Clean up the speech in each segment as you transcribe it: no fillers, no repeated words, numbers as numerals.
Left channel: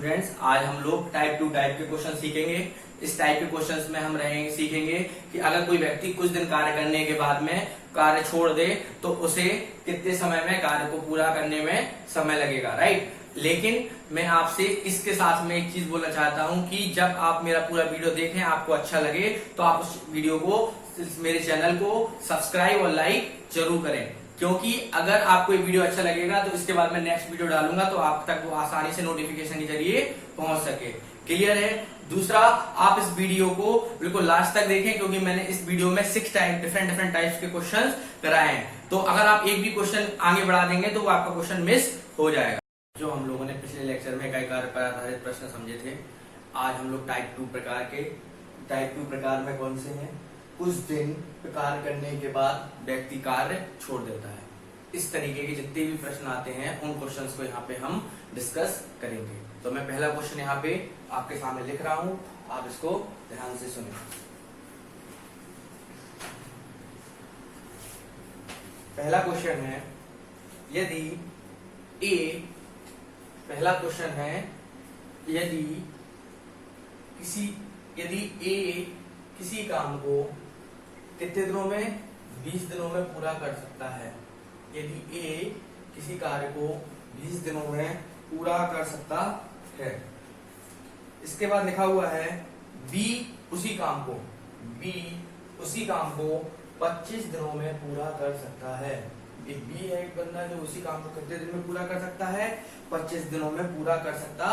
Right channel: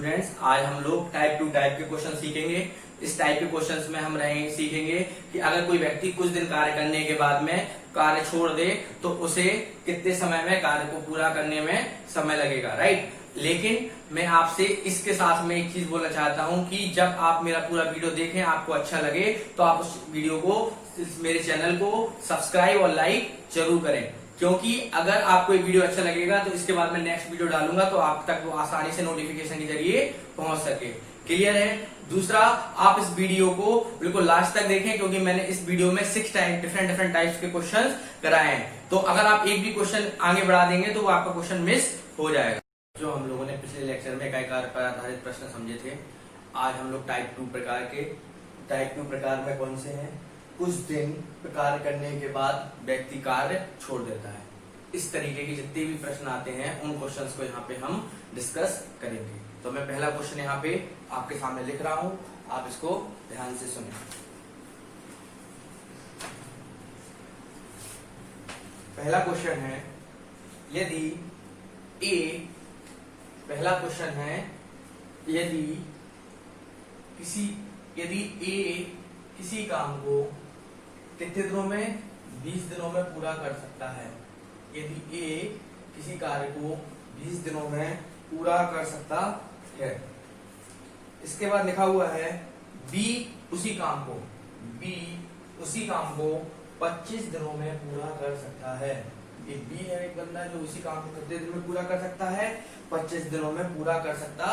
Friends, आज हम लोग टाइप 2 टाइप के क्वेश्चन सीखेंगे। इस टाइप के क्वेश्चंस में हम सीखेंगे कि अगर कोई व्यक्ति कुछ दिन कार्य करने के बाद में कार्य छोड़ दे तो उसे कितने समय में कार्य को पूरा करने में समय लगेगा, राइट। लेकिन मैं आपसे इसके साथ में एक चीज बोलना चाहता हूं कि जब आप मेरा पूरा वीडियो देखें, आपको अच्छा लगे तो आप उस वीडियो को, मेरे चैनल को सब्सक्राइब और लाइक जरूर करें, क्योंकि अगर आपको ये वीडियो अच्छा लगेगा तो इसके बाद मैं नेक्स्ट वीडियो डालूंगा तो आप तक वो आसानी से नोटिफिकेशन के जरिए पहुंच सके। क्लियर है। दूसरा, आप इस वीडियो को बिल्कुल लास्ट तक देखें, क्योंकि मैंने इस वीडियो में 6 डिफरेंट टाइप्स के क्वेश्चन कराए हैं। तो अगर आप एक भी क्वेश्चन आगे बढ़ा देंगे तो वो आपका क्वेश्चन मिस हो जाएगा। जो हम लोगों ने पिछले लेक्चर में इकाई कार्य पर आधारित प्रश्न समझे थे, आज हम लोग टाइप 2 प्रकार के, टाइप 2 प्रकार में कौन से हैं? कुछ दिन कार्य करने के बाद व्यक्ति कार्य छोड़ देता है। इस तरीके के जितने भी प्रश्न आते हैं उन क्वेश्चंस को यहाँ पे हम डिस्कस करेंगे। तो मैं पहला क्वेश्चन यहाँ पे आपके सामने लिख रहा हूं, आप इसको ध्यान से सुनिए। पहला क्वेश्चन है, यदि ए, पहला क्वेश्चन है, यदि ए किसी काम को कितने दिनों में? 20 दिनों में पूरा कर सकता है। यदि ए किसी कार्य को 20 दिनों में पूरा कर सकता है। इसके बाद लिखा हुआ है बी उसी काम को 25 दिनों में पूरा कर सकता है। एक बी है, एक बंदा जो उसी काम को कितने दिन में पूरा कर सकता है? 25 दिनों में पूरा कर सकता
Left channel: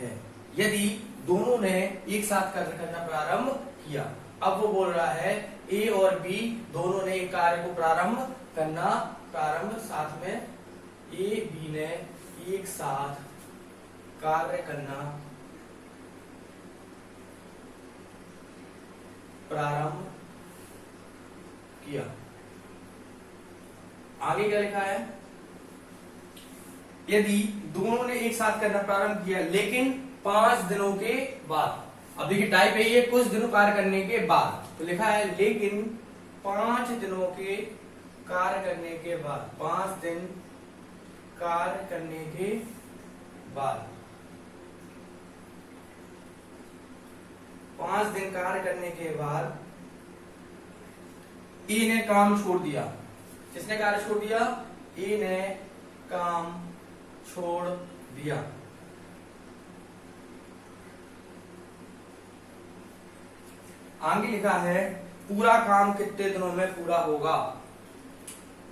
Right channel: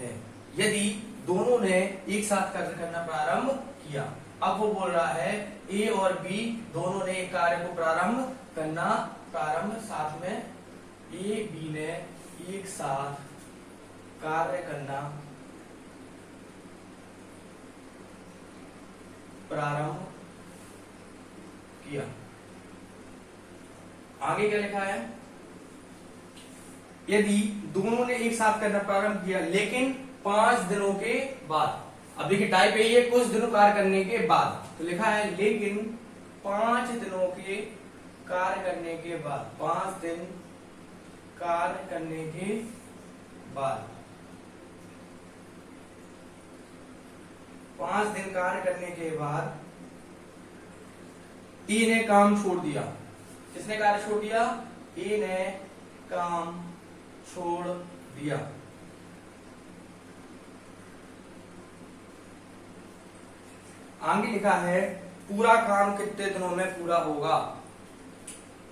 है। यदि दोनों ने एक साथ कार्य करना प्रारंभ किया, अब वो बोल रहा है ए और बी दोनों ने एक कार्य को प्रारंभ साथ में ए बी ने एक साथ कार्य करना प्रारंभ किया। आगे क्या लिखा है? यदि दोनों ने एक साथ करना प्रारंभ किया लेकिन 5 दिनों के बाद। अब देखिए टाइप है ये, कुछ दिनों कार्य करने के बाद, तो लिखा है लेकिन 5 दिनों के कार्य करने के बाद, 5 दिन कार्य करने के बाद, 5 दिन कार्य करने के बाद ए ने काम छोड़ दिया। किसने कार्य छोड़ दिया? ए ने काम छोड़ दिया। आगे लिखा है पूरा काम कितने दिनों में पूरा होगा?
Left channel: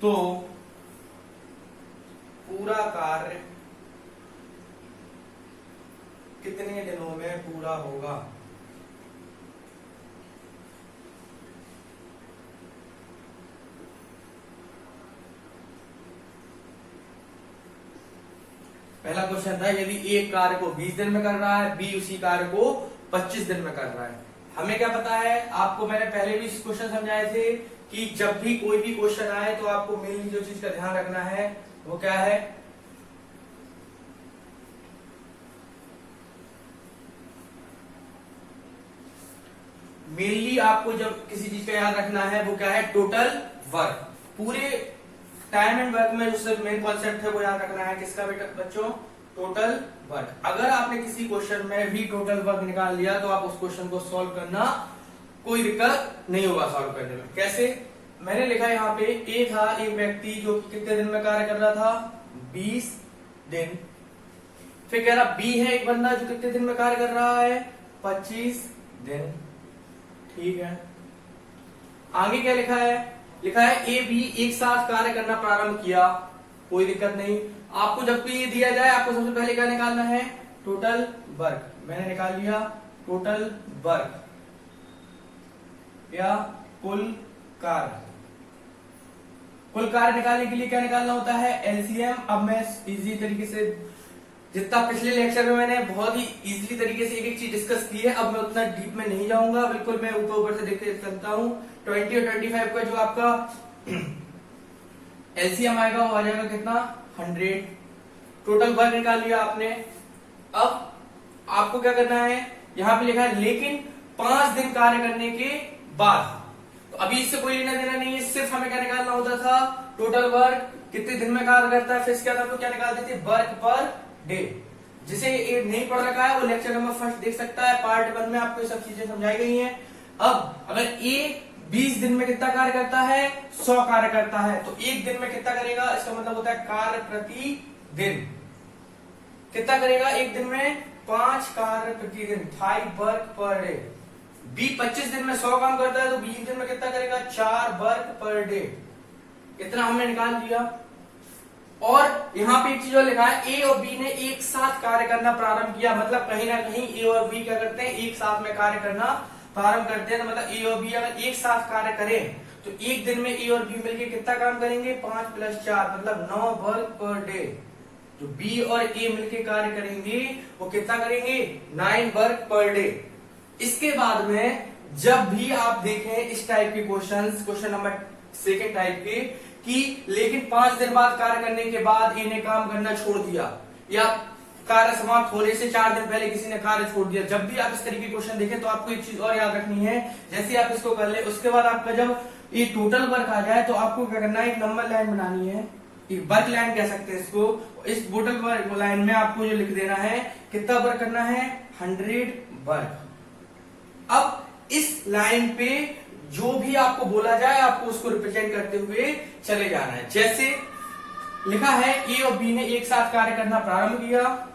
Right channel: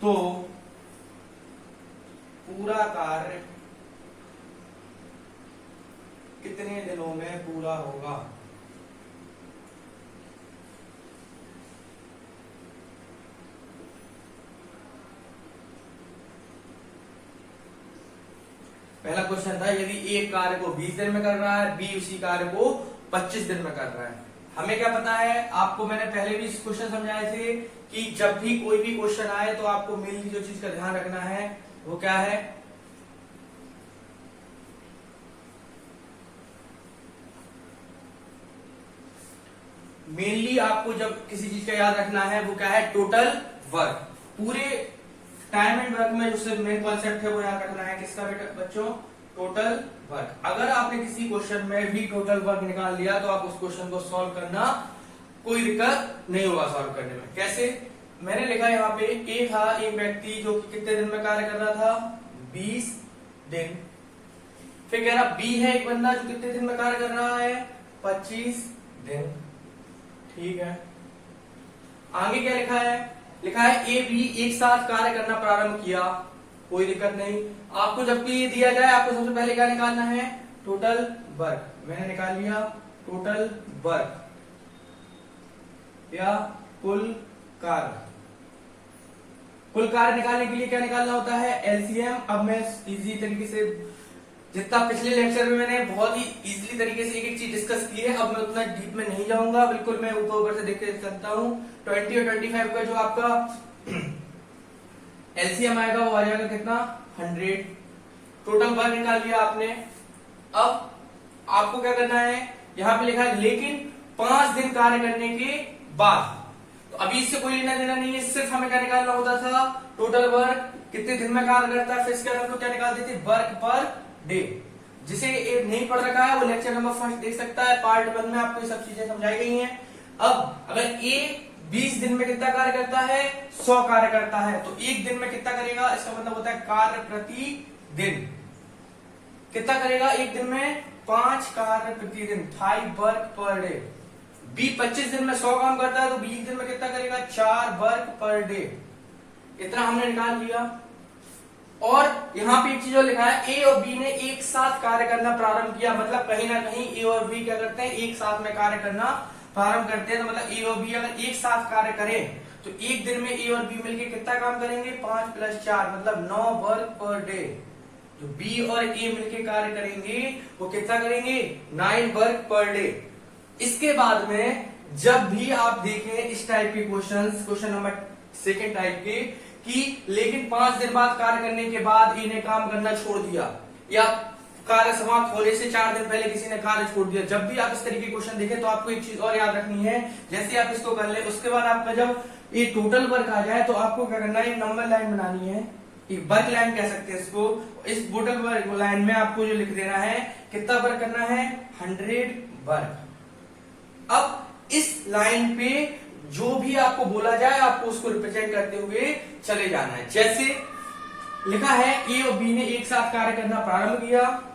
तो पूरा कार्य कितने दिनों में पूरा होगा? पहला क्वेश्चन था, यदि एक कार्य को 20 दिन में कर रहा है, बी उसी कार्य को 25 दिन में कर रहा है। हमें क्या पता है? आपको मैंने पहले भी इस क्वेश्चन समझाए थे कि जब भी कोई भी क्वेश्चन आए तो आपको मेनली जो चीज का ध्यान रखना है वो क्या है? मेनली आपको जब किसी चीज का याद रखना है वो क्या है? Total work. पूरे टाइम एंड वर्क में जो मेन कॉन्सेप्ट है वो याद रखना है। किसका बेटा बच्चों? Total work. अगर आपने किसी क्वेश्चन में भी टोटल वर्क निकाल लिया तो आप उस क्वेश्चन को सॉल्व करना कोई दिक्कत नहीं होगा सॉल्व करने में। कैसे? मैंने लिखा यहाँ पे ए था एक व्यक्ति जो कितने दिन में कार्य कर रहा था? 20 दिन। फिर कह रहा बी है एक बंदा जो कितने दिन में कार्य कर रहा है? 25 दिन। ठीक है। आगे क्या लिखा है? लिखा है ए बी एक साथ कार्य करना प्रारंभ किया। कोई दिक्कत नहीं। आपको जब भी ये दिया जाए आपको सबसे पहले क्या निकालना है? Total work. मैंने निकाल लिया टोटल वर्क या कुल कार्य। कुल कार्य निकालने के लिए क्या निकालना होता है? एलसीएम। अब मैं इजी तरीके से, जितना पिछले लेक्चर में मैंने बहुत ही इजी तरीके से एक एक चीज डिस्कस की है, अब मैं उतना डीप में नहीं जाऊंगा। बिल्कुल मैं ऊपर से देख के चलता हूं। 20 और 25 का जो आपका एलसीएम आएगा वो आ जाएगा कितना? 100। टोटल वर्क निकाल लिया आपने। अब आपको क्या करना है? यहां पे लिखा है लेकिन 5 दिन कार्य करने के बाद। तो अभी इससे कोई लेना देना नहीं है, सिर्फ हमें क्या निकालना होता था? टोटल वर्क कितने दिन में कार्य करता है, फिर इसके अलावा क्या निकाल देते? Work per day. जिसे ये नहीं पढ़ रखा है वो लेक्चर नंबर 1 देख सकता है, पार्ट 1 में आपको ये सब चीजें समझाई गई हैं। अब अगर ए 20 दिन में कितना कार्य करता है, 100 कार्य करता है, तो एक दिन में कितना करेगा, इसका मतलब होता है कार्य प्रति दिन कितना करेगा, एक दिन में 5 कार्य प्रति दिन, 5 वर्क पर डे। बी 25 दिन में 100 काम करता है तो 20 दिन में कितना करेगा, 4 वर्क पर डे। इतना हमने निकाल लिया। और यहाँ पे एक चीज और लिखा है, ए और बी ने एक साथ कार्य करना प्रारंभ किया, मतलब कहीं ना कहीं ए और बी क्या करते हैं, एक साथ में कार्य करना प्रारंभ करते हैं। तो मतलब ए और बी अगर एक साथ कार्य करें तो एक दिन में ए और बी मिलकर कितना काम करेंगे, 5 + 4 मतलब 9 वर्क पर डे। जो बी और ए मिलकर कार्य करेंगे वो कितना करेंगे, 9 वर्क पर डे। इसके बाद में जब भी आप देखें इस टाइप के क्वेश्चन नंबर 2 टाइप के, कि लेकिन 5 दिन बाद कार्य करने के बाद इन्हें काम करना छोड़ दिया, या कार्य समाप्त होने से 4 दिन पहले किसी ने कार्य छोड़ दिया, जब भी आप इस तरीके के क्वेश्चन देखें तो आपको एक चीज और याद रखनी है, जैसे आप इसको कर ले उसके बाद आपका जब ये टोटल वर्क आ जाए तो आपको क्या करना है, नंबर लाइन बनानी है, एक वर्क लाइन कह सकते हैं इसको। इस टोटल वर्क लाइन में आपको जो लिख देना है, कितना वर्क करना है, 100 वर्क। अब इस लाइन पे जो भी आपको बोला जाए आपको उसको रिप्रेजेंट करते हुए चले जाना है। जैसे लिखा है, ए और बी ने एक साथ कार्य करना प्रारंभ किया,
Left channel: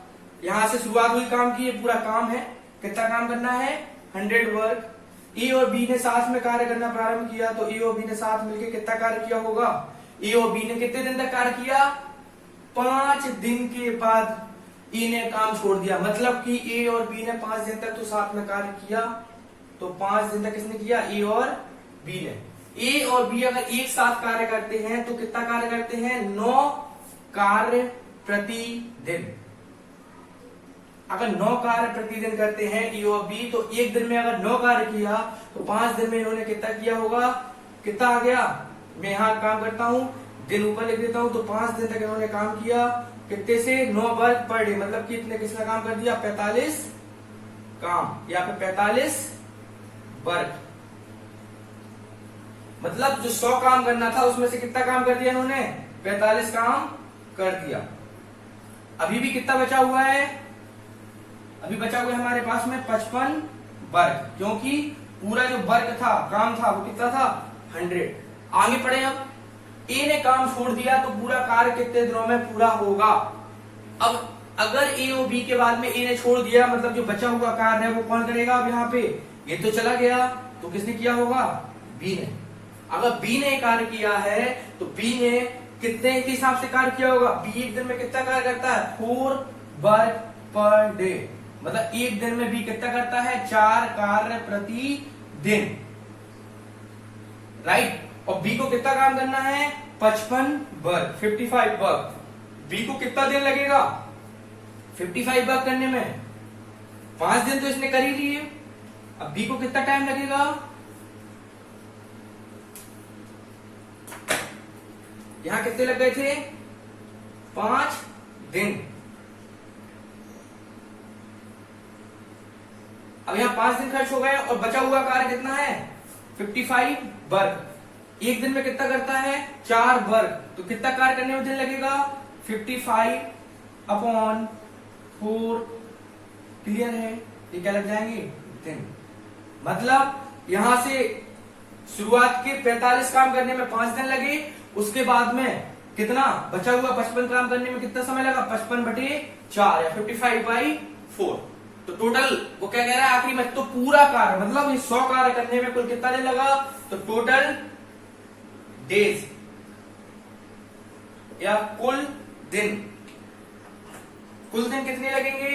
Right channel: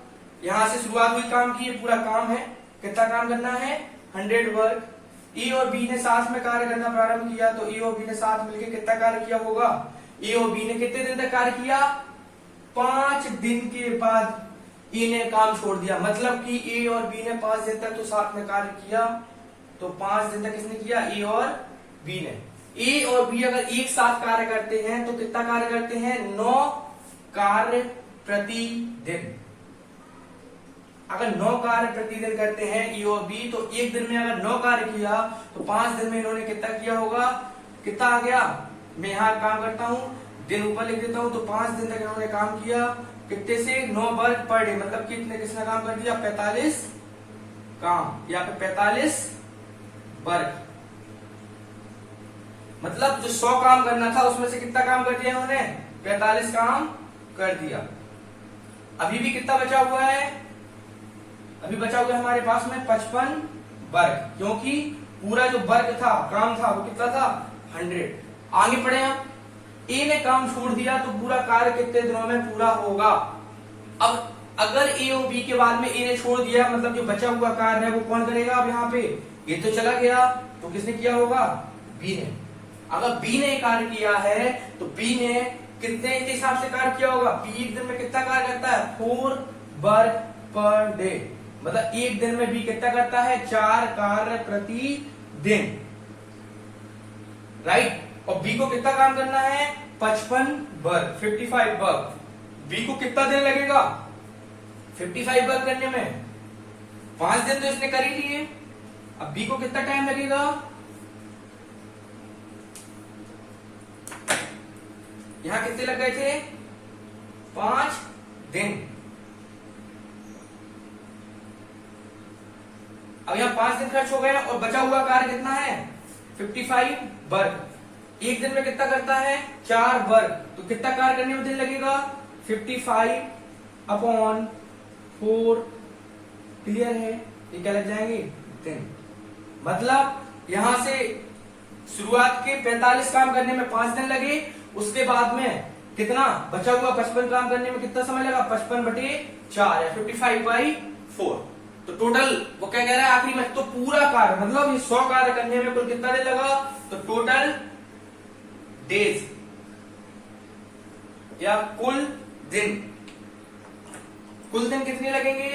यहां से शुरुआत हुई काम की, पूरा काम है, कितना काम करना है, 100 वर्क। ए और बी ने साथ में कार्य करना प्रारंभ किया, तो ए और बी ने साथ मिलकर कितना कार्य किया होगा, ए और बी ने कितने दिन तक कार्य किया, 5 दिन के बाद ए ने काम छोड़ दिया, मतलब कि ए और बी ने 5 दिन तक तो साथ में कार्य किया, तो 5 दिन तक किसने किया, ए और बी ने। ए और बी अगर एक साथ कार्य करते हैं तो कितना कार्य करते हैं, 9 कार्य प्रति दिन। अगर 9 कार्य प्रतिदिन करते हैं ए और बी, तो एक दिन में अगर 9 कार्य किया तो 5 दिन में इन्होंने कितना किया होगा, कितना आ गया, मैं यहां काम करता हूं, दिन ऊपर लिख देता हूं, तो 5 दिन तक इन्होंने काम किया, कितने से, 9 वर्क पर डे, मतलब कितने किसने काम कर दिया, 45 काम, या फिर 45 वर्क। मतलब जो 100 काम करना था उसमें से कितना काम कर दिया इन्होंने, 45 काम कर दिया। अभी भी कितना बचा हुआ है, अभी बचा हुआ है हमारे पास में 55 वर्क, क्योंकि पूरा जो वर्क था, काम था, वो कितना था, 100। आगे पढ़े हम, ए ने काम छोड़ दिया तो पूरा कार्य कितने दिनों में पूरा होगा। अब अगर ए और बी के बाद में ए ने छोड़ दिया, मतलब जो बचा हुआ कार्य है वो कौन करेगा, अब यहाँ पे ये तो चला गया, तो किसने किया होगा, बी ने। अगर बी ने कार्य किया है तो बी ने कितने के हिसाब से कार्य किया होगा, बी एक दिन में कितना कार्य करता है, 4 वर्क पर डे, मतलब एक दिन में बी कितना करता है, 4 कार्य प्रति दिन, राइट। और बी को कितना काम करना है, 55 वर्क, 55 वर्क। बी को कितना दिन लगेगा 55 वर्क करने में, 5 दिन तो इसने कर ही लिए। अब बी को कितना टाइम लगेगा, यहां कितने लग गए थे, 5 दिन। अब यहां 5 दिन खर्च हो गए और बचा हुआ कार्य कितना है, 55 वर्क। एक दिन में कितना करता है, 4 वर्क, तो कितना कार्य करने में दिन लगेगा, 55/4। क्लियर है, ये क्या लग जाएंगे, दिन। मतलब यहां से शुरुआत के 45 काम करने में 5 दिन लगे, उसके बाद में कितना बचा हुआ 55 काम करने में कितना समय लगा, 55/4 या 55/4। तो टोटल वो क्या कह रहा है आखिरी में, तो पूरा कार्य मतलब ये 100 कार्य करने में कुल कितना दिन लगा, तो टोटल डेज या कुल दिन, कुल दिन कितने लगेंगे,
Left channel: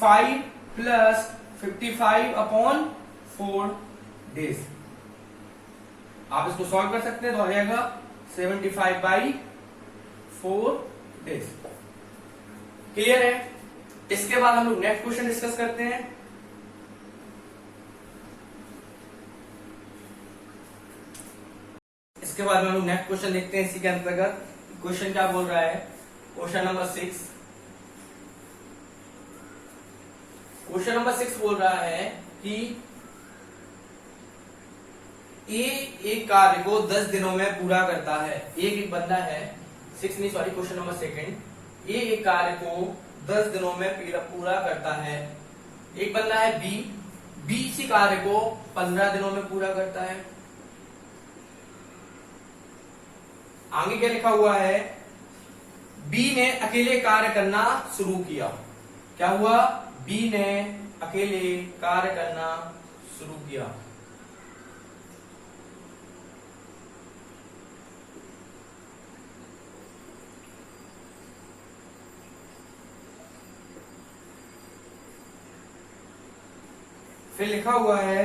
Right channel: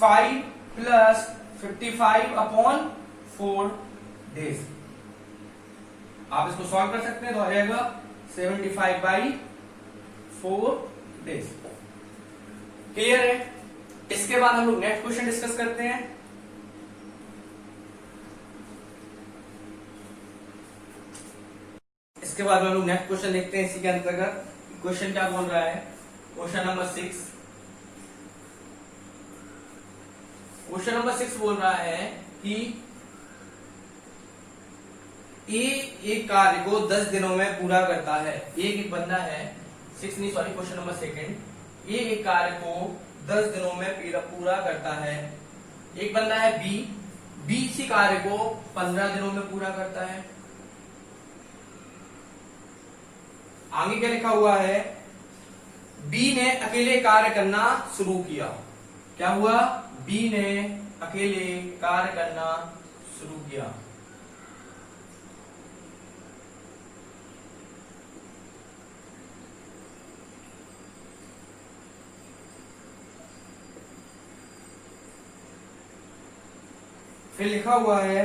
5 + 55/4 डेज। आप इसको सॉल्व कर सकते हैं तो आ जाएगा 75/4 डेज। क्लियर है। इसके बाद हम लोग नेक्स्ट क्वेश्चन डिस्कस करते हैं। इसके बाद हम लोग नेक्स्ट क्वेश्चन देखते हैं इसी के अंतर्गत। क्वेश्चन क्या बोल रहा है, क्वेश्चन नंबर 6। क्वेश्चन नंबर 6 बोल रहा है कि एक कार्य को 10 दिनों में पूरा करता है। एक बंदा है, 6 नहीं सॉरी क्वेश्चन नंबर 2। एक कार्य को 10 दिनों में पूरा करता है। एक बंदा है बी इसी कार्य को 15 दिनों में पूरा करता है। आगे क्या लिखा हुआ है, बी ने अकेले कार्य करना शुरू किया। क्या हुआ, बी ने अकेले कार्य करना शुरू किया। फिर लिखा हुआ है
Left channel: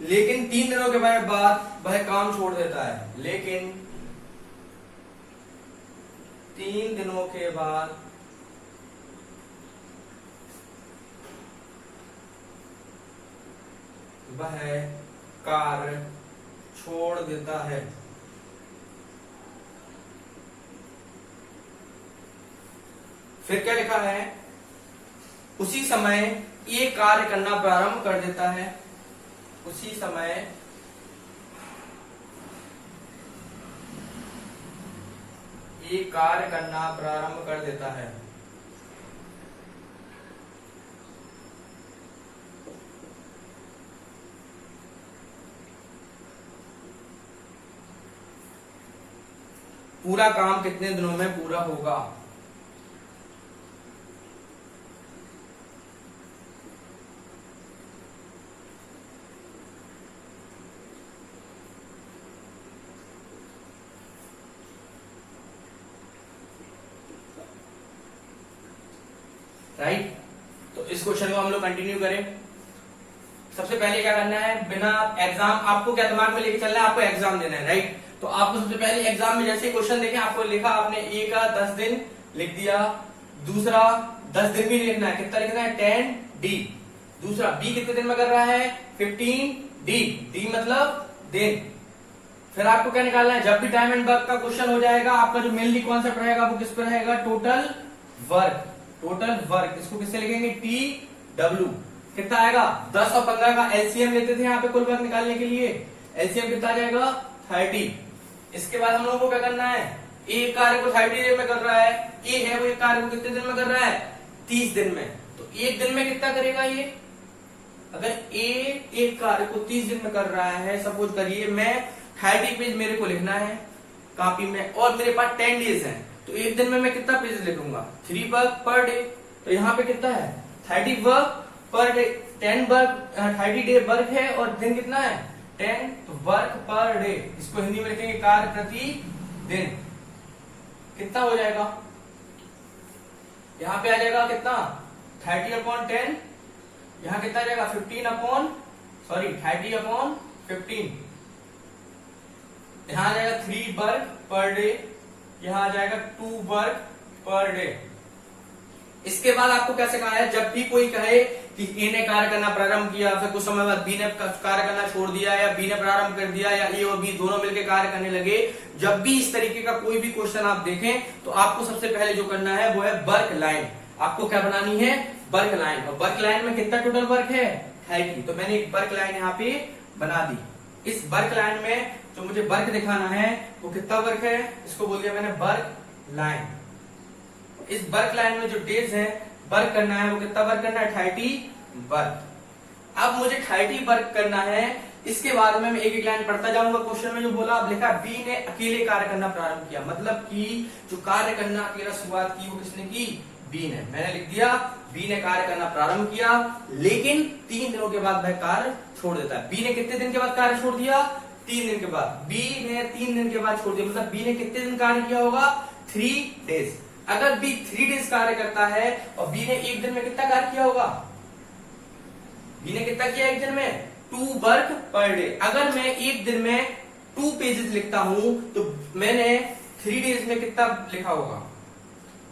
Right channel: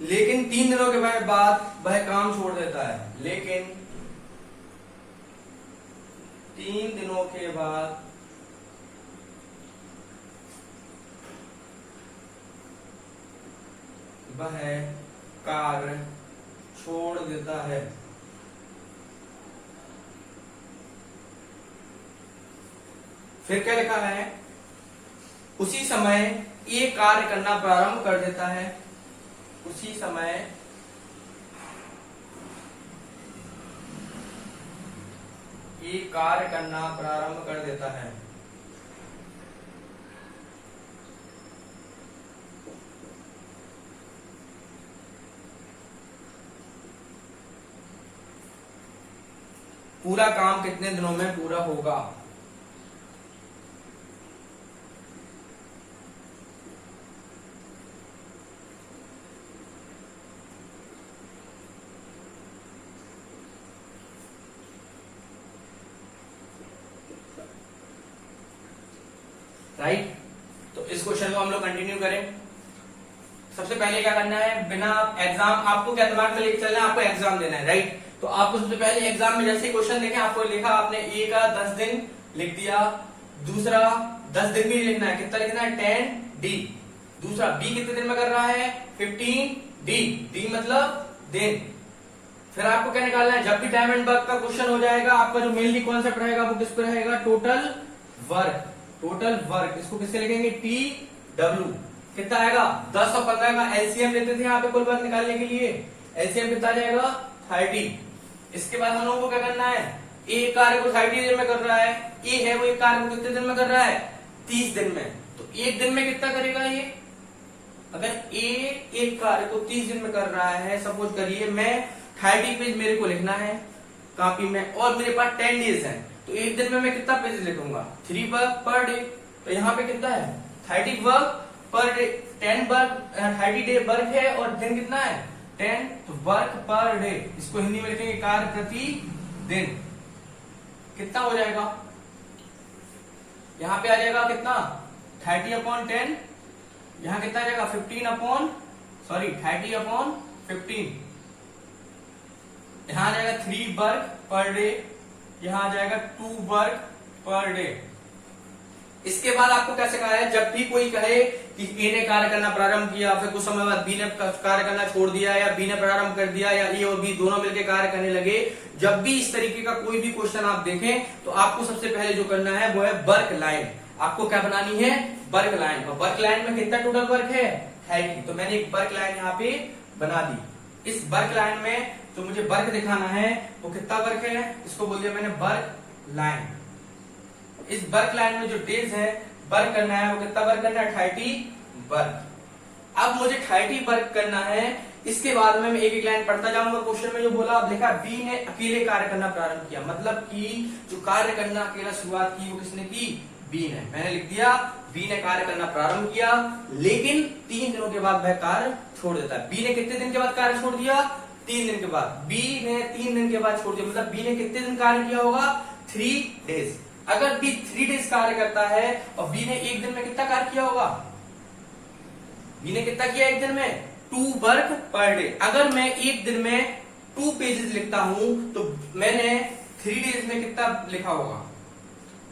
लेकिन 3 दिनों के बाद वह काम छोड़ देता है। लेकिन 3 दिनों के बाद वह कार्य छोड़ देता है। फिर क्या लिखा है, उसी समय ये कार्य करना प्रारंभ कर देता है। उसी समय ये कार्य करना प्रारंभ कर देता है। पूरा काम कितने दिनों में पूरा होगा। राइट, तो इस क्वेश्चन को हम लोग कंटिन्यू करें। सबसे पहले क्या करना है, बिना एग्जाम, आपको क्या दिमाग में लेके चलना है, आपको एग्जाम देना है। राइट, तो आपको सबसे पहले एग्जाम में जैसे क्वेश्चन देखें, आपको लिखा आपने ए का 10 दिन लिख दिया। दूसरा 10 दिन भी लिखना है, कितना लिखना है 10 डी। दूसरा बी कितने दिन में कर रहा है 15 डी, डी मतलब दिन। फिर आपको क्या निकालना है, जब भी टाइम एंड वर्क का क्वेश्चन हो जाएगा, आपका जो मेनली कॉन्सेप्ट रहेगा वो किस पर रहेगा, टोटल वर्क। टोटल वर्क इसको किससे लिखेंगे, टी डब्ल्यू। कितना आएगा 10 और 15 का एलसीएम लेते थे यहाँ पे कुल वर्क निकालने के लिए। एलसीएम कितना आ जाएगा 30। इसके बाद हम लोगों को क्या करना है, एक कार्य को 30 दिन में कर रहा है, ए है वो एक कार्य को कितने दिन में कर रहा है 30 दिन में। तो एक दिन में कितना करेगा ये, अगर ए एक कार्य को 30 दिन में कर रहा है, सपोज करिए मैं 30 पेज मेरे को लिखना है कॉपी में और मेरे पास 10 डेज है, तो एक दिन में मैं कितना पेज लिखूंगा 3 वर्क पर डे। तो यहाँ पे कितना है 30 work per day, 10 work 30 day work है और दिन कितना है 10 वर्क पर डे। इसको हिंदी में लिखेंगे कार्य प्रति दिन। कितना हो जाएगा, यहाँ पे आ जाएगा कितना 30/10, यहाँ कितना आ जाएगा 30/15, यहाँ आ जाएगा 3 वर्क पर डे, यहाँ आ जाएगा 2 वर्क पर डे। इसके बाद आपको क्या सिखाया है, जब भी कोई कहे कि ए ने कार्य करना प्रारंभ किया, फिर कुछ समय बाद बी ने कार्य करना छोड़ दिया, या बी ने प्रारंभ कर दिया, या ए और बी दोनों मिलकर कार्य करने लगे, जब भी इस तरीके का कोई भी क्वेश्चन आप देखें तो आपको सबसे पहले जो करना है वो है वर्क लाइन। आपको क्या बनानी है, वर्क लाइन। और वर्क लाइन में कितना टोटल वर्क है 30। तो मैंने एक वर्क लाइन यहाँ पे बना दी। इस वर्क लाइन में जो मुझे वर्क दिखाना है वो कितना वर्क है, इसको बोल दिया मैंने वर्क लाइन। इस वर्क लाइन में जो डेज है वर्क करना है वो कितना वर्क करना है 30 वर्क। अब मुझे 30 वर्क करना है। इसके बाद में मैं एक एक लाइन पढ़ता जाऊंगा। क्वेश्चन में जो बोला, अब लिखा बी ने अकेले कार्य करना प्रारंभ किया, मतलब कि जो कार्य करना अकेला शुरुआत की वो किसने की, बी ने। मैंने लिख दिया बी ने कार्य करना प्रारंभ किया, लेकिन 3 दिनों के बाद वह कार्य छोड़ देता है। बी ने कितने दिन के बाद कार्य छोड़ दिया, 3 दिन के बाद। बी ने 3 दिन के बाद छोड़ दिया, मतलब बी ने कितने दिन कार्य किया होगा 3 डेज। अगर बी 3 डेज कार्य करता है और बी ने एक दिन में कितना कार्य किया होगा, बी ने कितना किया एक दिन में 2 वर्क पर डे। अगर मैं एक दिन में 2 पेजेस लिखता हूं तो मैंने 3 डेज में कितना लिखा होगा,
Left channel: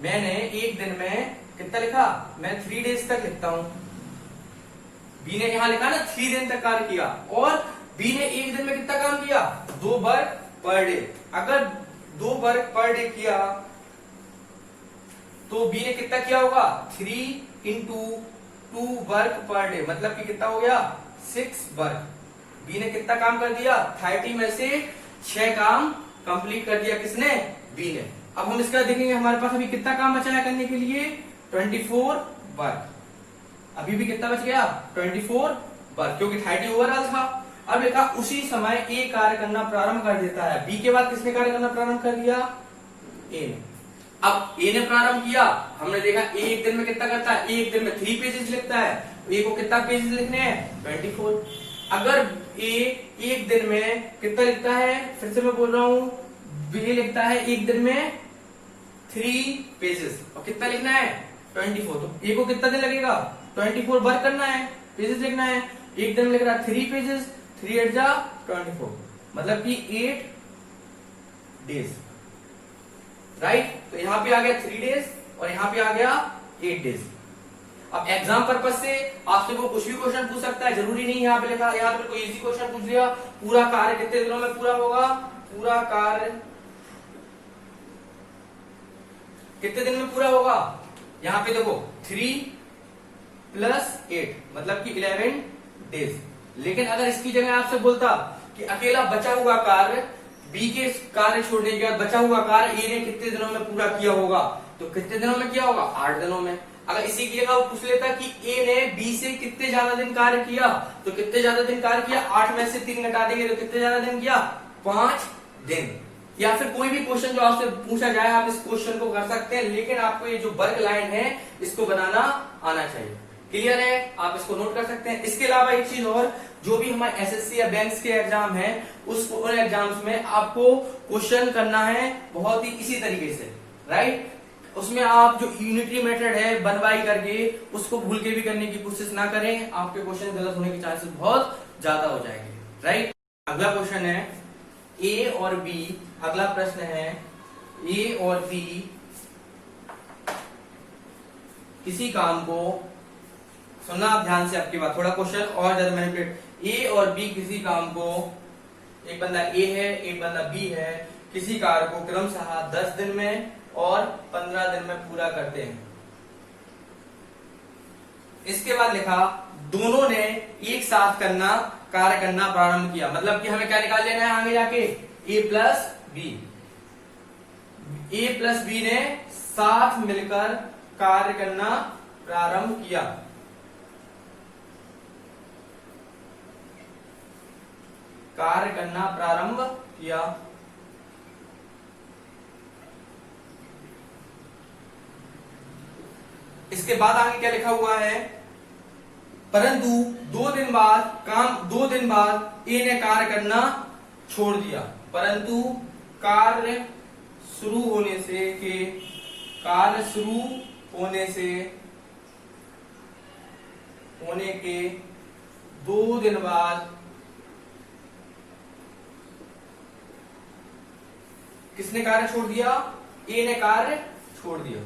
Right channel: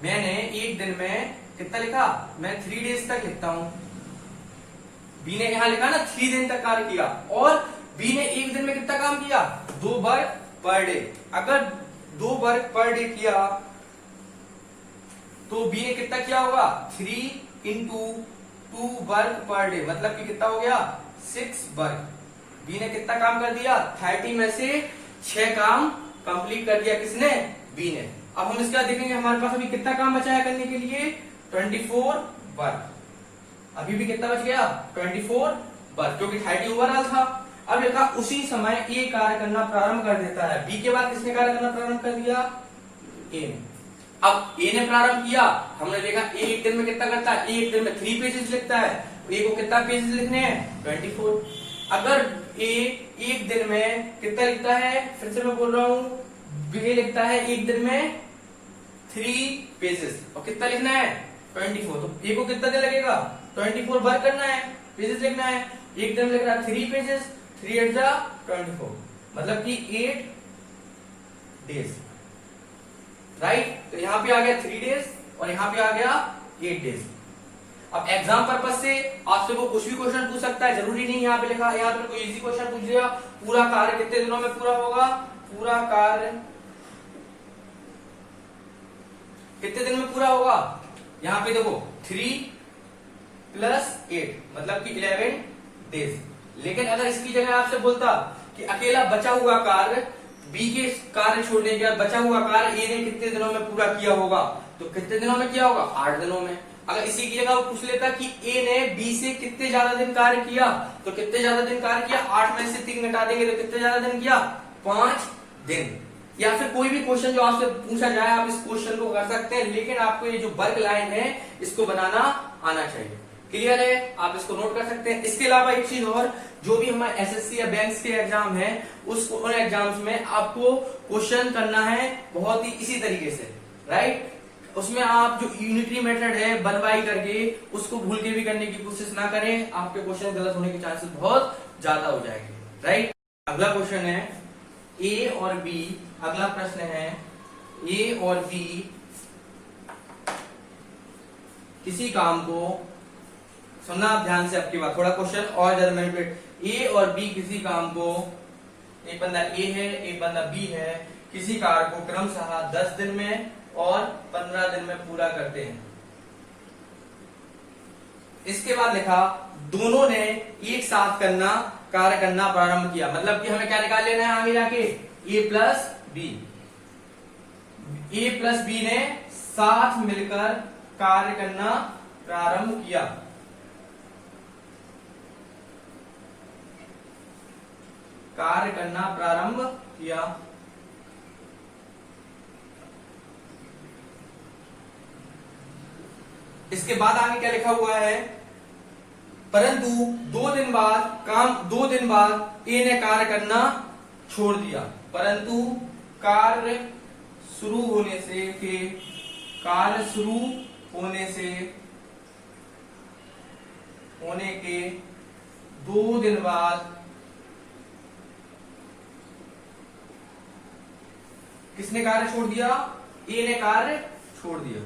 मैंने एक दिन में कितना लिखा, मैं 3 डेज तक लिखता हूं। बी ने यहां लिखा ना 3 दिन तक कार्य किया, और बी ने एक दिन में कितना काम किया 2 वर्क पर डे। अगर 2 वर्क पर डे किया तो बी ने कितना किया होगा 3 into 2 वर्क पर डे, मतलब कि कितना हो गया 6 वर्क। बी ने कितना काम कर दिया 30 में से 6 काम कंप्लीट कर दिया, किसने, बी ने। अब हम इसका देखेंगे हमारे पास अभी कितना काम बचा है करने के लिए, 24 वर्क। अभी भी कितना बच गया? 24 वर्क, क्योंकि 30 ओवरऑल था। अब लिखा उसी समय ए कार्य करना प्रारंभ कर देता है। बी के बाद किसने कार्य करना प्रारंभ कर दिया? ए ने। अब ए ने प्रारंभ किया, हमने देखा ए एक दिन में कितना करता है? ए एक दिन में 3 पेजेस लिखता है। ए को कितना पेजेस लिखने हैं? 24। अगर ए एक दिन में कितना लिखता है? फिर से मैं बोल रहा हूं, बी लिखता है एक दिन में 3 पेजेस, और कितना लिखना है? 24। तो ए को कितना दिन लगेगा? 24 वर्क करना है, पेजेस लिखना है। एक दिन में लिख रहा है 3 पेजेस, 3 8 जा 24, मतलब कि 8 डेज, राइट। तो यहां पे आ गया 3 डेज और यहां पे आ गया 8 डेज। अब एग्जाम पर्पज से आपसे वो कुछ भी क्वेश्चन पूछ सकता है, जरूरी नहीं यहाँ पे लिखा, यहाँ पे कोई इजी क्वेश्चन पूछ लिया, पूरा कार्य कितने दिनों में पूरा होगा? पूरा कार्य कितने दिन में पूरा होगा? यहाँ पे देखो 3 + 8 मतलब कि 11 डेज। लेकिन अगर इसकी जगह आपसे बोलता कि अकेला बचा हुआ कार्य, बी के कार्य छोड़ने के बाद बचा हुआ कार्य ए ने कितने दिनों में पूरा किया होगा, तो कितने दिनों में किया होगा? 8 दिनों में। अगर इसी की जगह वो पूछ लेता कि ए ने बी से कितने ज्यादा दिन कार्य किया, तो कितने ज्यादा दिन कार्य किया? 8 में से 3 घटा देंगे तो कितने ज्यादा दिन किया? 5 दिन। या फिर कोई भी क्वेश्चन जो आपसे पूछा जाए, आप इस क्वेश्चन को कर सकते हैं, लेकिन आपको ये जो वर्क लाइन है इसको बनाना आना चाहिए। क्लियर है? आप इसको नोट कर सकते हैं। इसके अलावा एक चीज और, जो भी हमारे एसएससी या बैंक्स के एग्जाम है, उन एग्जाम्स में आपको क्वेश्चन करना है बहुत ही इसी तरीके से, राइट। उसमें आप जो यूनिटरी मेथड है 1/, करके उसको भूल के भी करने की कोशिश ना करें, आपके क्वेश्चन गलत होने के चांसेस बहुत ज्यादा हो जाएंगे, राइट। अगला क्वेश्चन है ए और बी। अगला प्रश्न है ए और बी किसी काम को, सुनना आप ध्यान से आपकी बात, थोड़ा क्वेश्चन और ज्यादा मैनिपुलेट। ए और बी किसी काम को, एक बंदा ए है एक बंदा बी है, किसी कार्य को क्रमशः 10 दिन में और 15 दिन में पूरा करते हैं। इसके बाद लिखा दोनों ने एक साथ कार्य करना प्रारंभ किया। मतलब कि हमें क्या निकाल लेना है आगे जाके? ए प्लस बी। ए प्लस बी ने साथ मिलकर कार्य करना प्रारंभ किया। कार्य करना प्रारंभ किया। इसके बाद आगे क्या लिखा हुआ है? परंतु 2 दिन बाद ए ने कार्य करना छोड़ दिया। परंतु कार्य शुरू होने के 2 दिन बाद किसने कार्य छोड़ दिया? ए ने कार्य छोड़ दिया।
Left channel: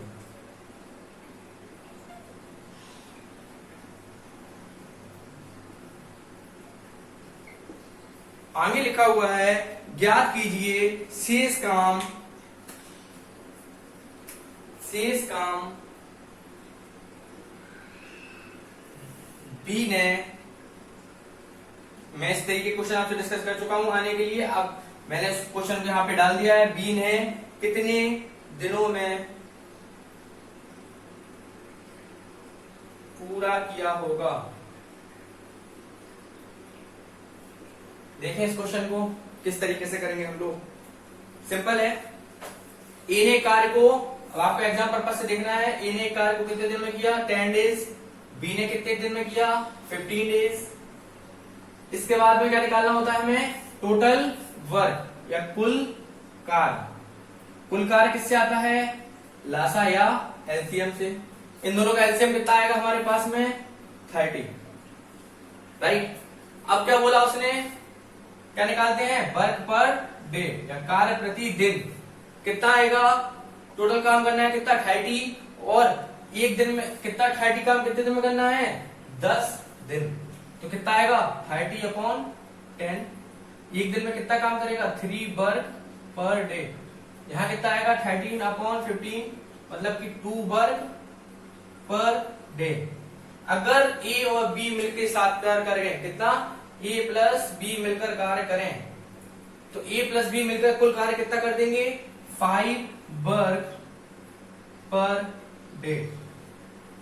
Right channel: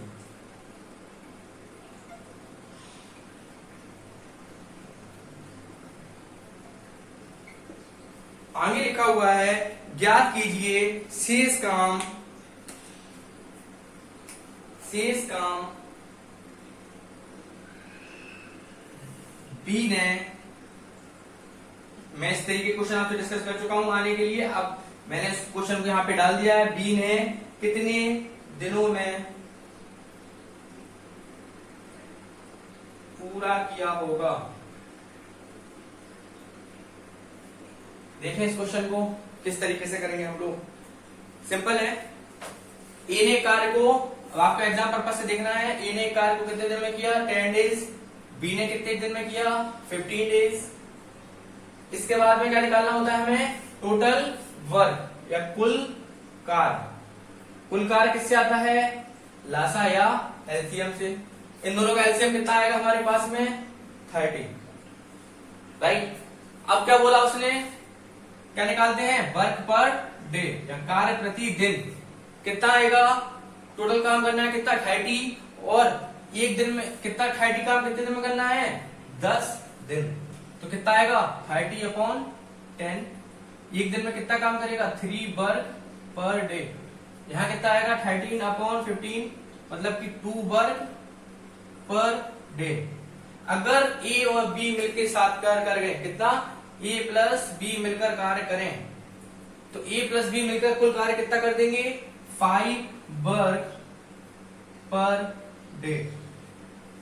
आगे लिखा हुआ है ज्ञात कीजिए शेष काम बी ने, मैं इस तरीके क्वेश्चन आपसे डिस्कस कर चुका हूं आने के लिए। अब मैंने इस क्वेश्चन को यहां पे डाल दिया है। बी ने कितने दिनों में पूरा किया होगा? देखें इस क्वेश्चन को किस तरीके से करेंगे हम लोग। सिंपल है। ए ने कार्य को, अब आपको एग्जाम पर्पस से देखना है, ए ने कार्य को कितने दिन में किया? 10 डेज। बी ने कितने दिन में किया? 15 डेज। इसके बाद में क्या निकालना होता है हमें? टोटल वर्क या कुल कार्य। कुल कार्य किससे आता है? लासा या एलसीएम से। इन दोनों का एलसीएम कितना आएगा हमारे पास में? 30, राइट। अब क्या बोला उसने? क्या निकालते हैं? वर्क पर डे या कार्य प्रति दिन कितना आएगा? टोटल काम करना है कितना? 30, और एक दिन में कितना? 30 काम कितने दिन में करना है? 10 दिन। तो कितना आएगा? 30/10। एक दिन में कितना काम करेगा? 3 वर्क पर डे। यहां कितना आएगा? 13/15 मतलब कि 2 वर्क पर डे। अगर ए और बी मिलकर साथ कार्य करें, कितना? ए प्लस बी मिलकर कार्य करें, तो ए प्लस बी मिलकर कुल कार्य कितना कर देंगे? 5 वर्क पर डे।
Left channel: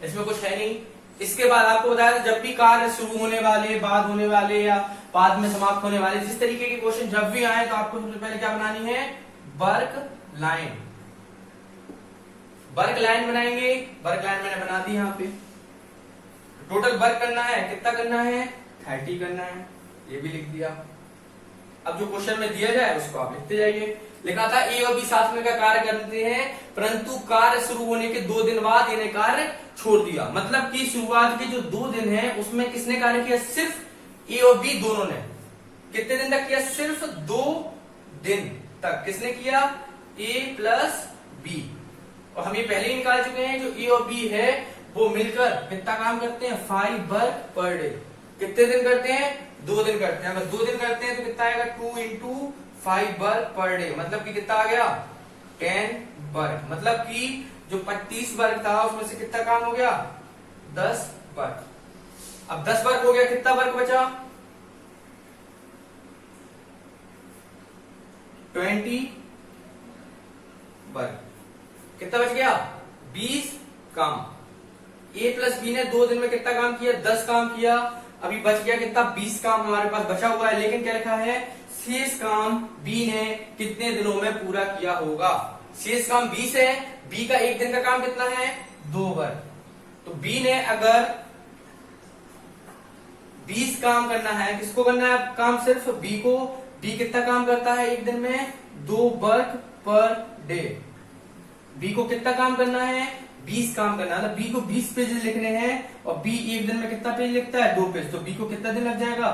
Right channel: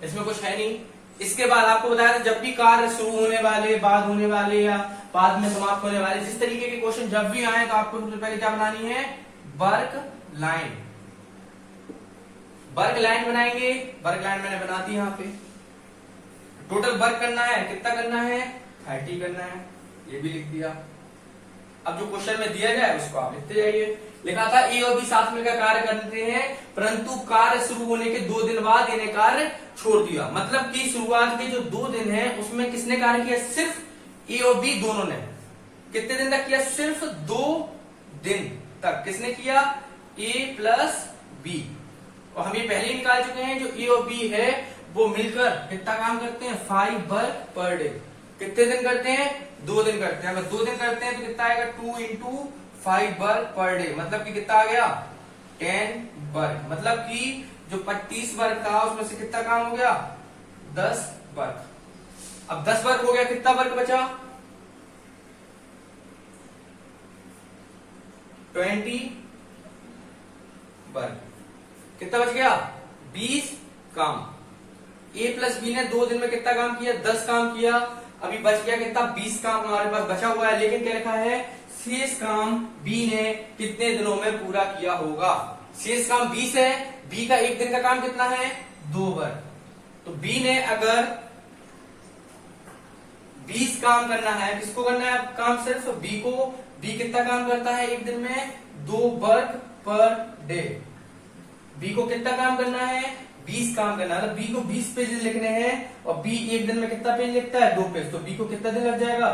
इसमें कुछ है नहीं। इसके बाद आपको बताया था जब भी कार्य शुरू होने वाले, बाद होने वाले या बाद में समाप्त होने वाले, जिस तरीके के क्वेश्चन जब भी आए तो आपको सबसे पहले क्या बनानी है, वर्क लाइन। वर्क लाइन बनाएंगे, वर्क लाइन मैंने बना दी यहाँ पे। टोटल वर्क करना है, कितना करना है, 30 करना है, ये भी लिख दिया। अब जो क्वेश्चन में दिया जाए उसको आप लिखते जाइए। लिखा था ए और बी साथ में कार्य करते हैं, परंतु कार्य शुरू होने के 2 दिन बाद इन्हें कार्य छोड़ दिया। मतलब कि शुरुआत के जो 2 दिन है उसमें किसने कार्य किया, सिर्फ ए और बी दोनों ने। कितने दिन तक किया, सिर्फ 2 दिन तक किसने किया, ए प्लस बी। और हम ये पहले ही निकाल चुके हैं, जो ए और बी है वो मिलकर कितना काम करते हैं, 5 वर्क पर डे। कितने दिन करते हैं, 2 दिन करते हैं। अगर 2 दिन करते हैं तो कितना आएगा, 2 इंटू 5 वर्क पर डे, मतलब कि कितना आ गया, 10 वर्क। मतलब कि जो 25 वर्क था उसमें से कितना काम हो गया, 10 वर्क। अब 10 वर्क हो गया, कितना वर्क बचा, 20 वर्क। कितना बच गया, 20 काम। ए प्लस बी ने 2 दिन में कितना काम किया, 10 काम किया। अभी बच गया कितना, 20 काम हमारे पास बचा हुआ है। लेकिन क्या लिखा है, शेष काम बी ने कितने दिनों में पूरा किया होगा। शेष काम 20 है, बी का 1 दिन का काम कितना है, 2 वर्क। तो बी ने अगर 20 काम करना है, किसको करना है काम, सिर्फ बी को। बी कितना काम करता है 1 दिन में, 2 वर्क पर डे। बी को कितना काम करना है, 20 काम करना है। बी को 20 पेज लिखने हैं और बी 1 दिन में कितना पेज लिखता है, 2 पेज। तो बी को कितना दिन लग जाएगा,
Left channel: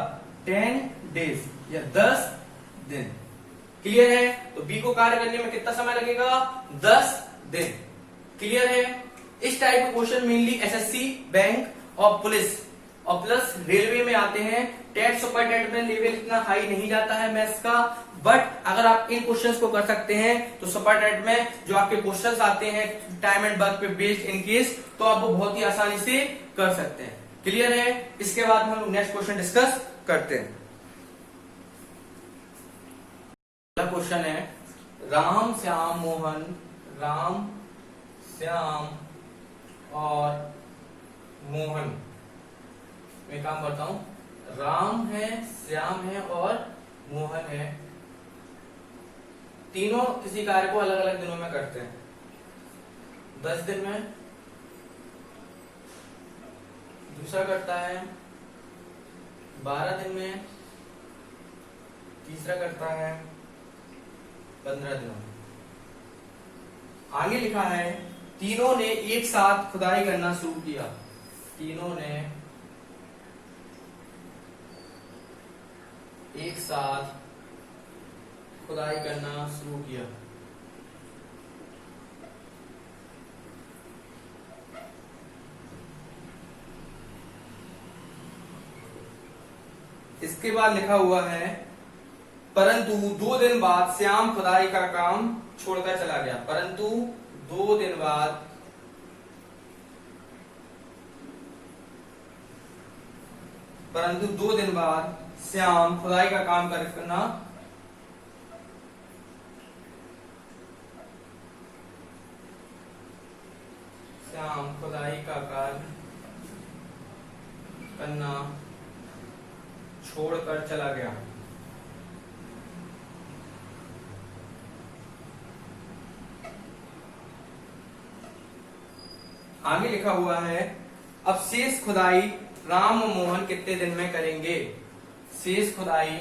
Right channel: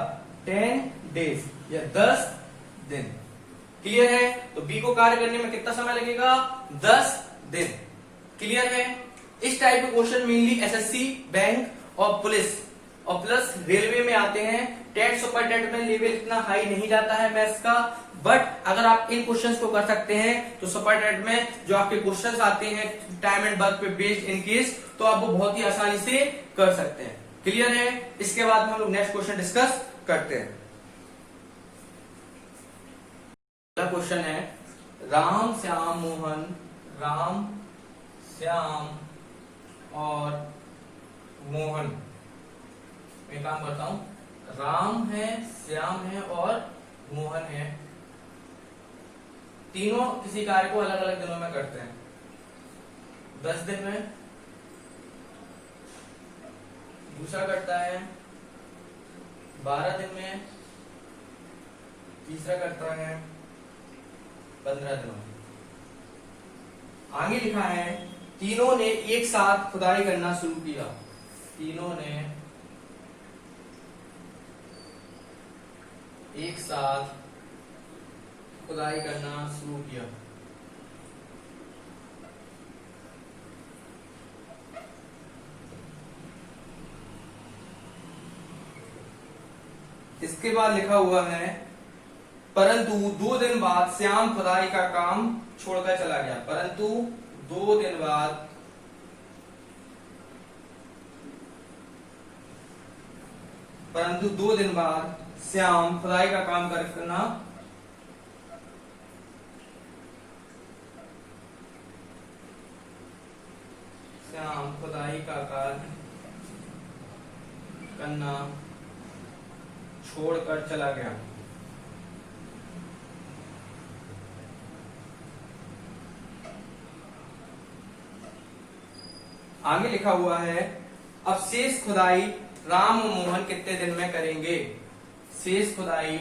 10 डेज या 10 दिन। क्लियर है। तो बी को कार्य करने में कितना समय लगेगा, 10 दिन। क्लियर है। इस टाइप के क्वेश्चन मेनली एसएससी, बैंक और पुलिस और प्लस रेलवे में आते हैं। टेट सुपर टेट में लेवल इतना हाई नहीं जाता है मैथ्स का, बट अगर आप इन क्वेश्चंस को कर सकते हैं तो सुपर टेट में जो आपके क्वेश्चंस आते हैं टाइम एंड वर्क पे बेस्ड इन केस, तो आप वो बहुत ही आसानी से कर सकते हैं। क्लियर है। इसके बाद में हम लोग नेक्स्ट क्वेश्चन डिस्कस करते हैं। अगला क्वेश्चन है, राम श्याम मोहन, राम श्याम और मोहन। मैं काम करता हूं, राम है, श्याम है और मोहन है। तीनों किसी कार्य को अलग अलग दिनों में करते हैं। 10 दिन में, दूसरा करता है 12 दिन में, तीसरा करता है 15 दिनों में। आगे लिखा है, तीनों ने एक साथ खुदाई करना शुरू किया। तीनों ने एक साथ खुदाई करना शुरू किया। इसके बाद लिखा हुआ है, परंतु 2 दिन बाद श्याम खुदाई का काम छोड़कर चला गया। परंतु 2 दिन बाद श्याम खुदाई का काम करना कार्य करना छोड़कर चला गया। आगे लिखा हुआ है, अब शेष खुदाई राम और मोहन कितने दिन में करेंगे। शेष खुदाई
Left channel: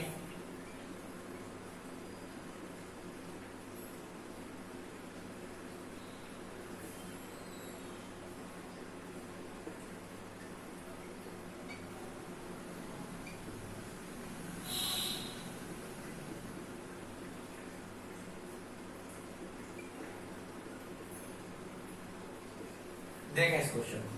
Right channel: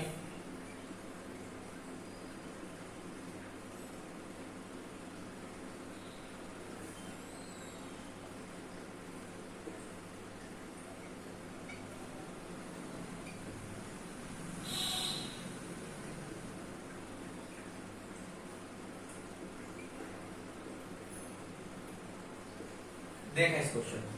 देखें इस क्वेश्चन को।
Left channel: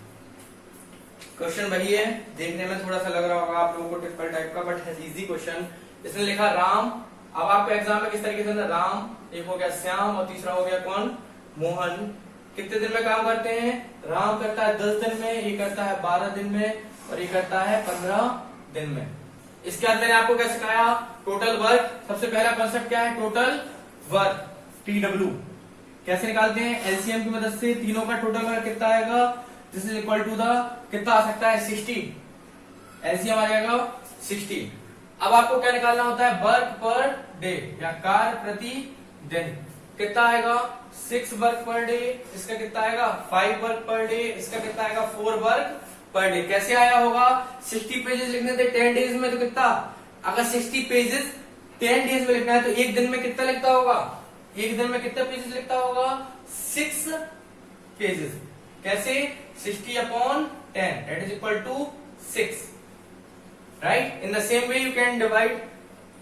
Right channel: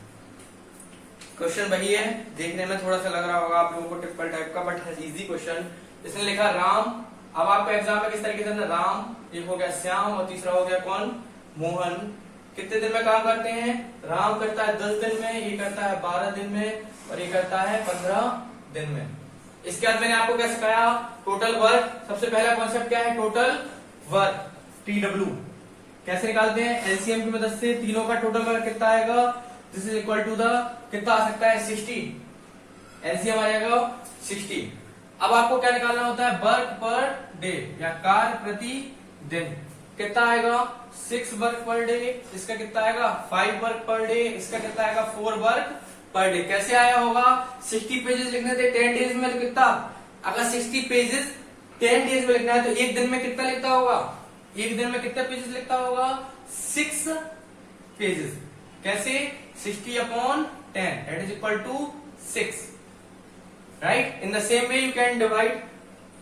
क्वेश्चन वही है, देखने में थोड़ा सा लग रहा होगा आप लोगों को ट्रिपल टाइप का, बट है इजी क्वेश्चन। इसने लिखा राम। अब आपका एग्जाम में किस तरीके से, राम, एक हो गया श्याम और तीसरा हो गया कौन, मोहन। कितने दिन में काम करते हैं, राम करता है 10 दिन में, ये करता है 12 दिन में और ये करता है 15 दिन में। इसके बाद मैंने आपको क्या सिखाया, टोटल वर्क। सबसे पहला कॉन्सेप्ट क्या है, टोटल वर्क, TW कैसे निकालते हैं, एलसीएम की मदद से। तीनों का टोटल वर्क कितना आएगा, this is equal to the कितना आ सकता है 60, एलसीएम आ जाएगा 60। अब आपको क्या निकालना होता है वर्क पर डे या कार्य प्रति दिन, कितना आएगा 6 वर्क पर डे, इसका कितना आएगा 5 वर्क पर डे, इसका कितना आएगा 4 वर्क पर डे। कैसे आया होगा 60 पेजेस लिखने थे 10 डेज में, तो कितना, अगर 60 पेजेस 10 डेज में लिखना है तो एक दिन में कितना लिखता होगा, एक दिन में कितना पेजेस लिखता होगा 6 पेजेस। कैसे 60 upon 10 that is equal to 6, right. In the same way you can divide,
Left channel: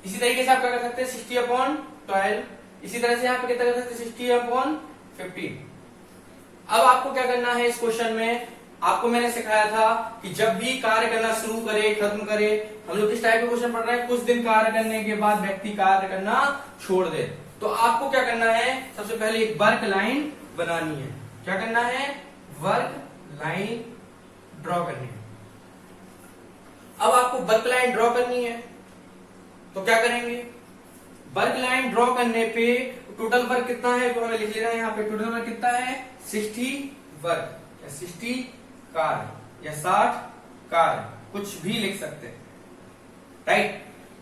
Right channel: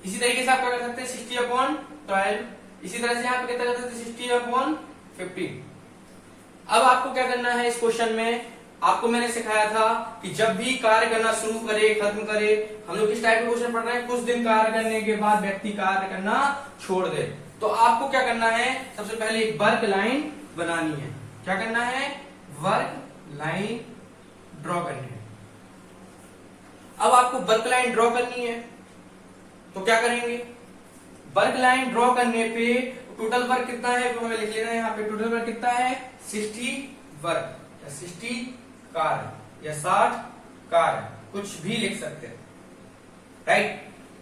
इसी तरीके से आप क्या कर सकते हैं 60 अपॉन 12, इसी तरह से यहाँ पे कितना कर सकते हैं 60 अपॉन 15। अब आपको क्या करना है इस क्वेश्चन में, आपको मैंने सिखाया था कि जब भी कार्य करना शुरू करे खत्म करे, हम लोग किस टाइप का क्वेश्चन पढ़ रहे हैं, कुछ दिन कार्य करने के बाद व्यक्ति कार्य करना छोड़ दे, तो आपको क्या करना है सबसे पहले एक वर्क लाइन बनानी है। क्या करना है वर्क लाइन ड्रॉ करनी है। अब आपको वर्क लाइन ड्रॉ करनी है तो क्या करेंगे, वर्क लाइन ड्रॉ करने पे टोटल वर्क कितना है तो हमें लिख लेना है यहाँ पे, टोटल वर्क कितना है 60 वर्क या 60 कार्य या 60 कार्य, कुछ भी लिख सकते हैं, राइट।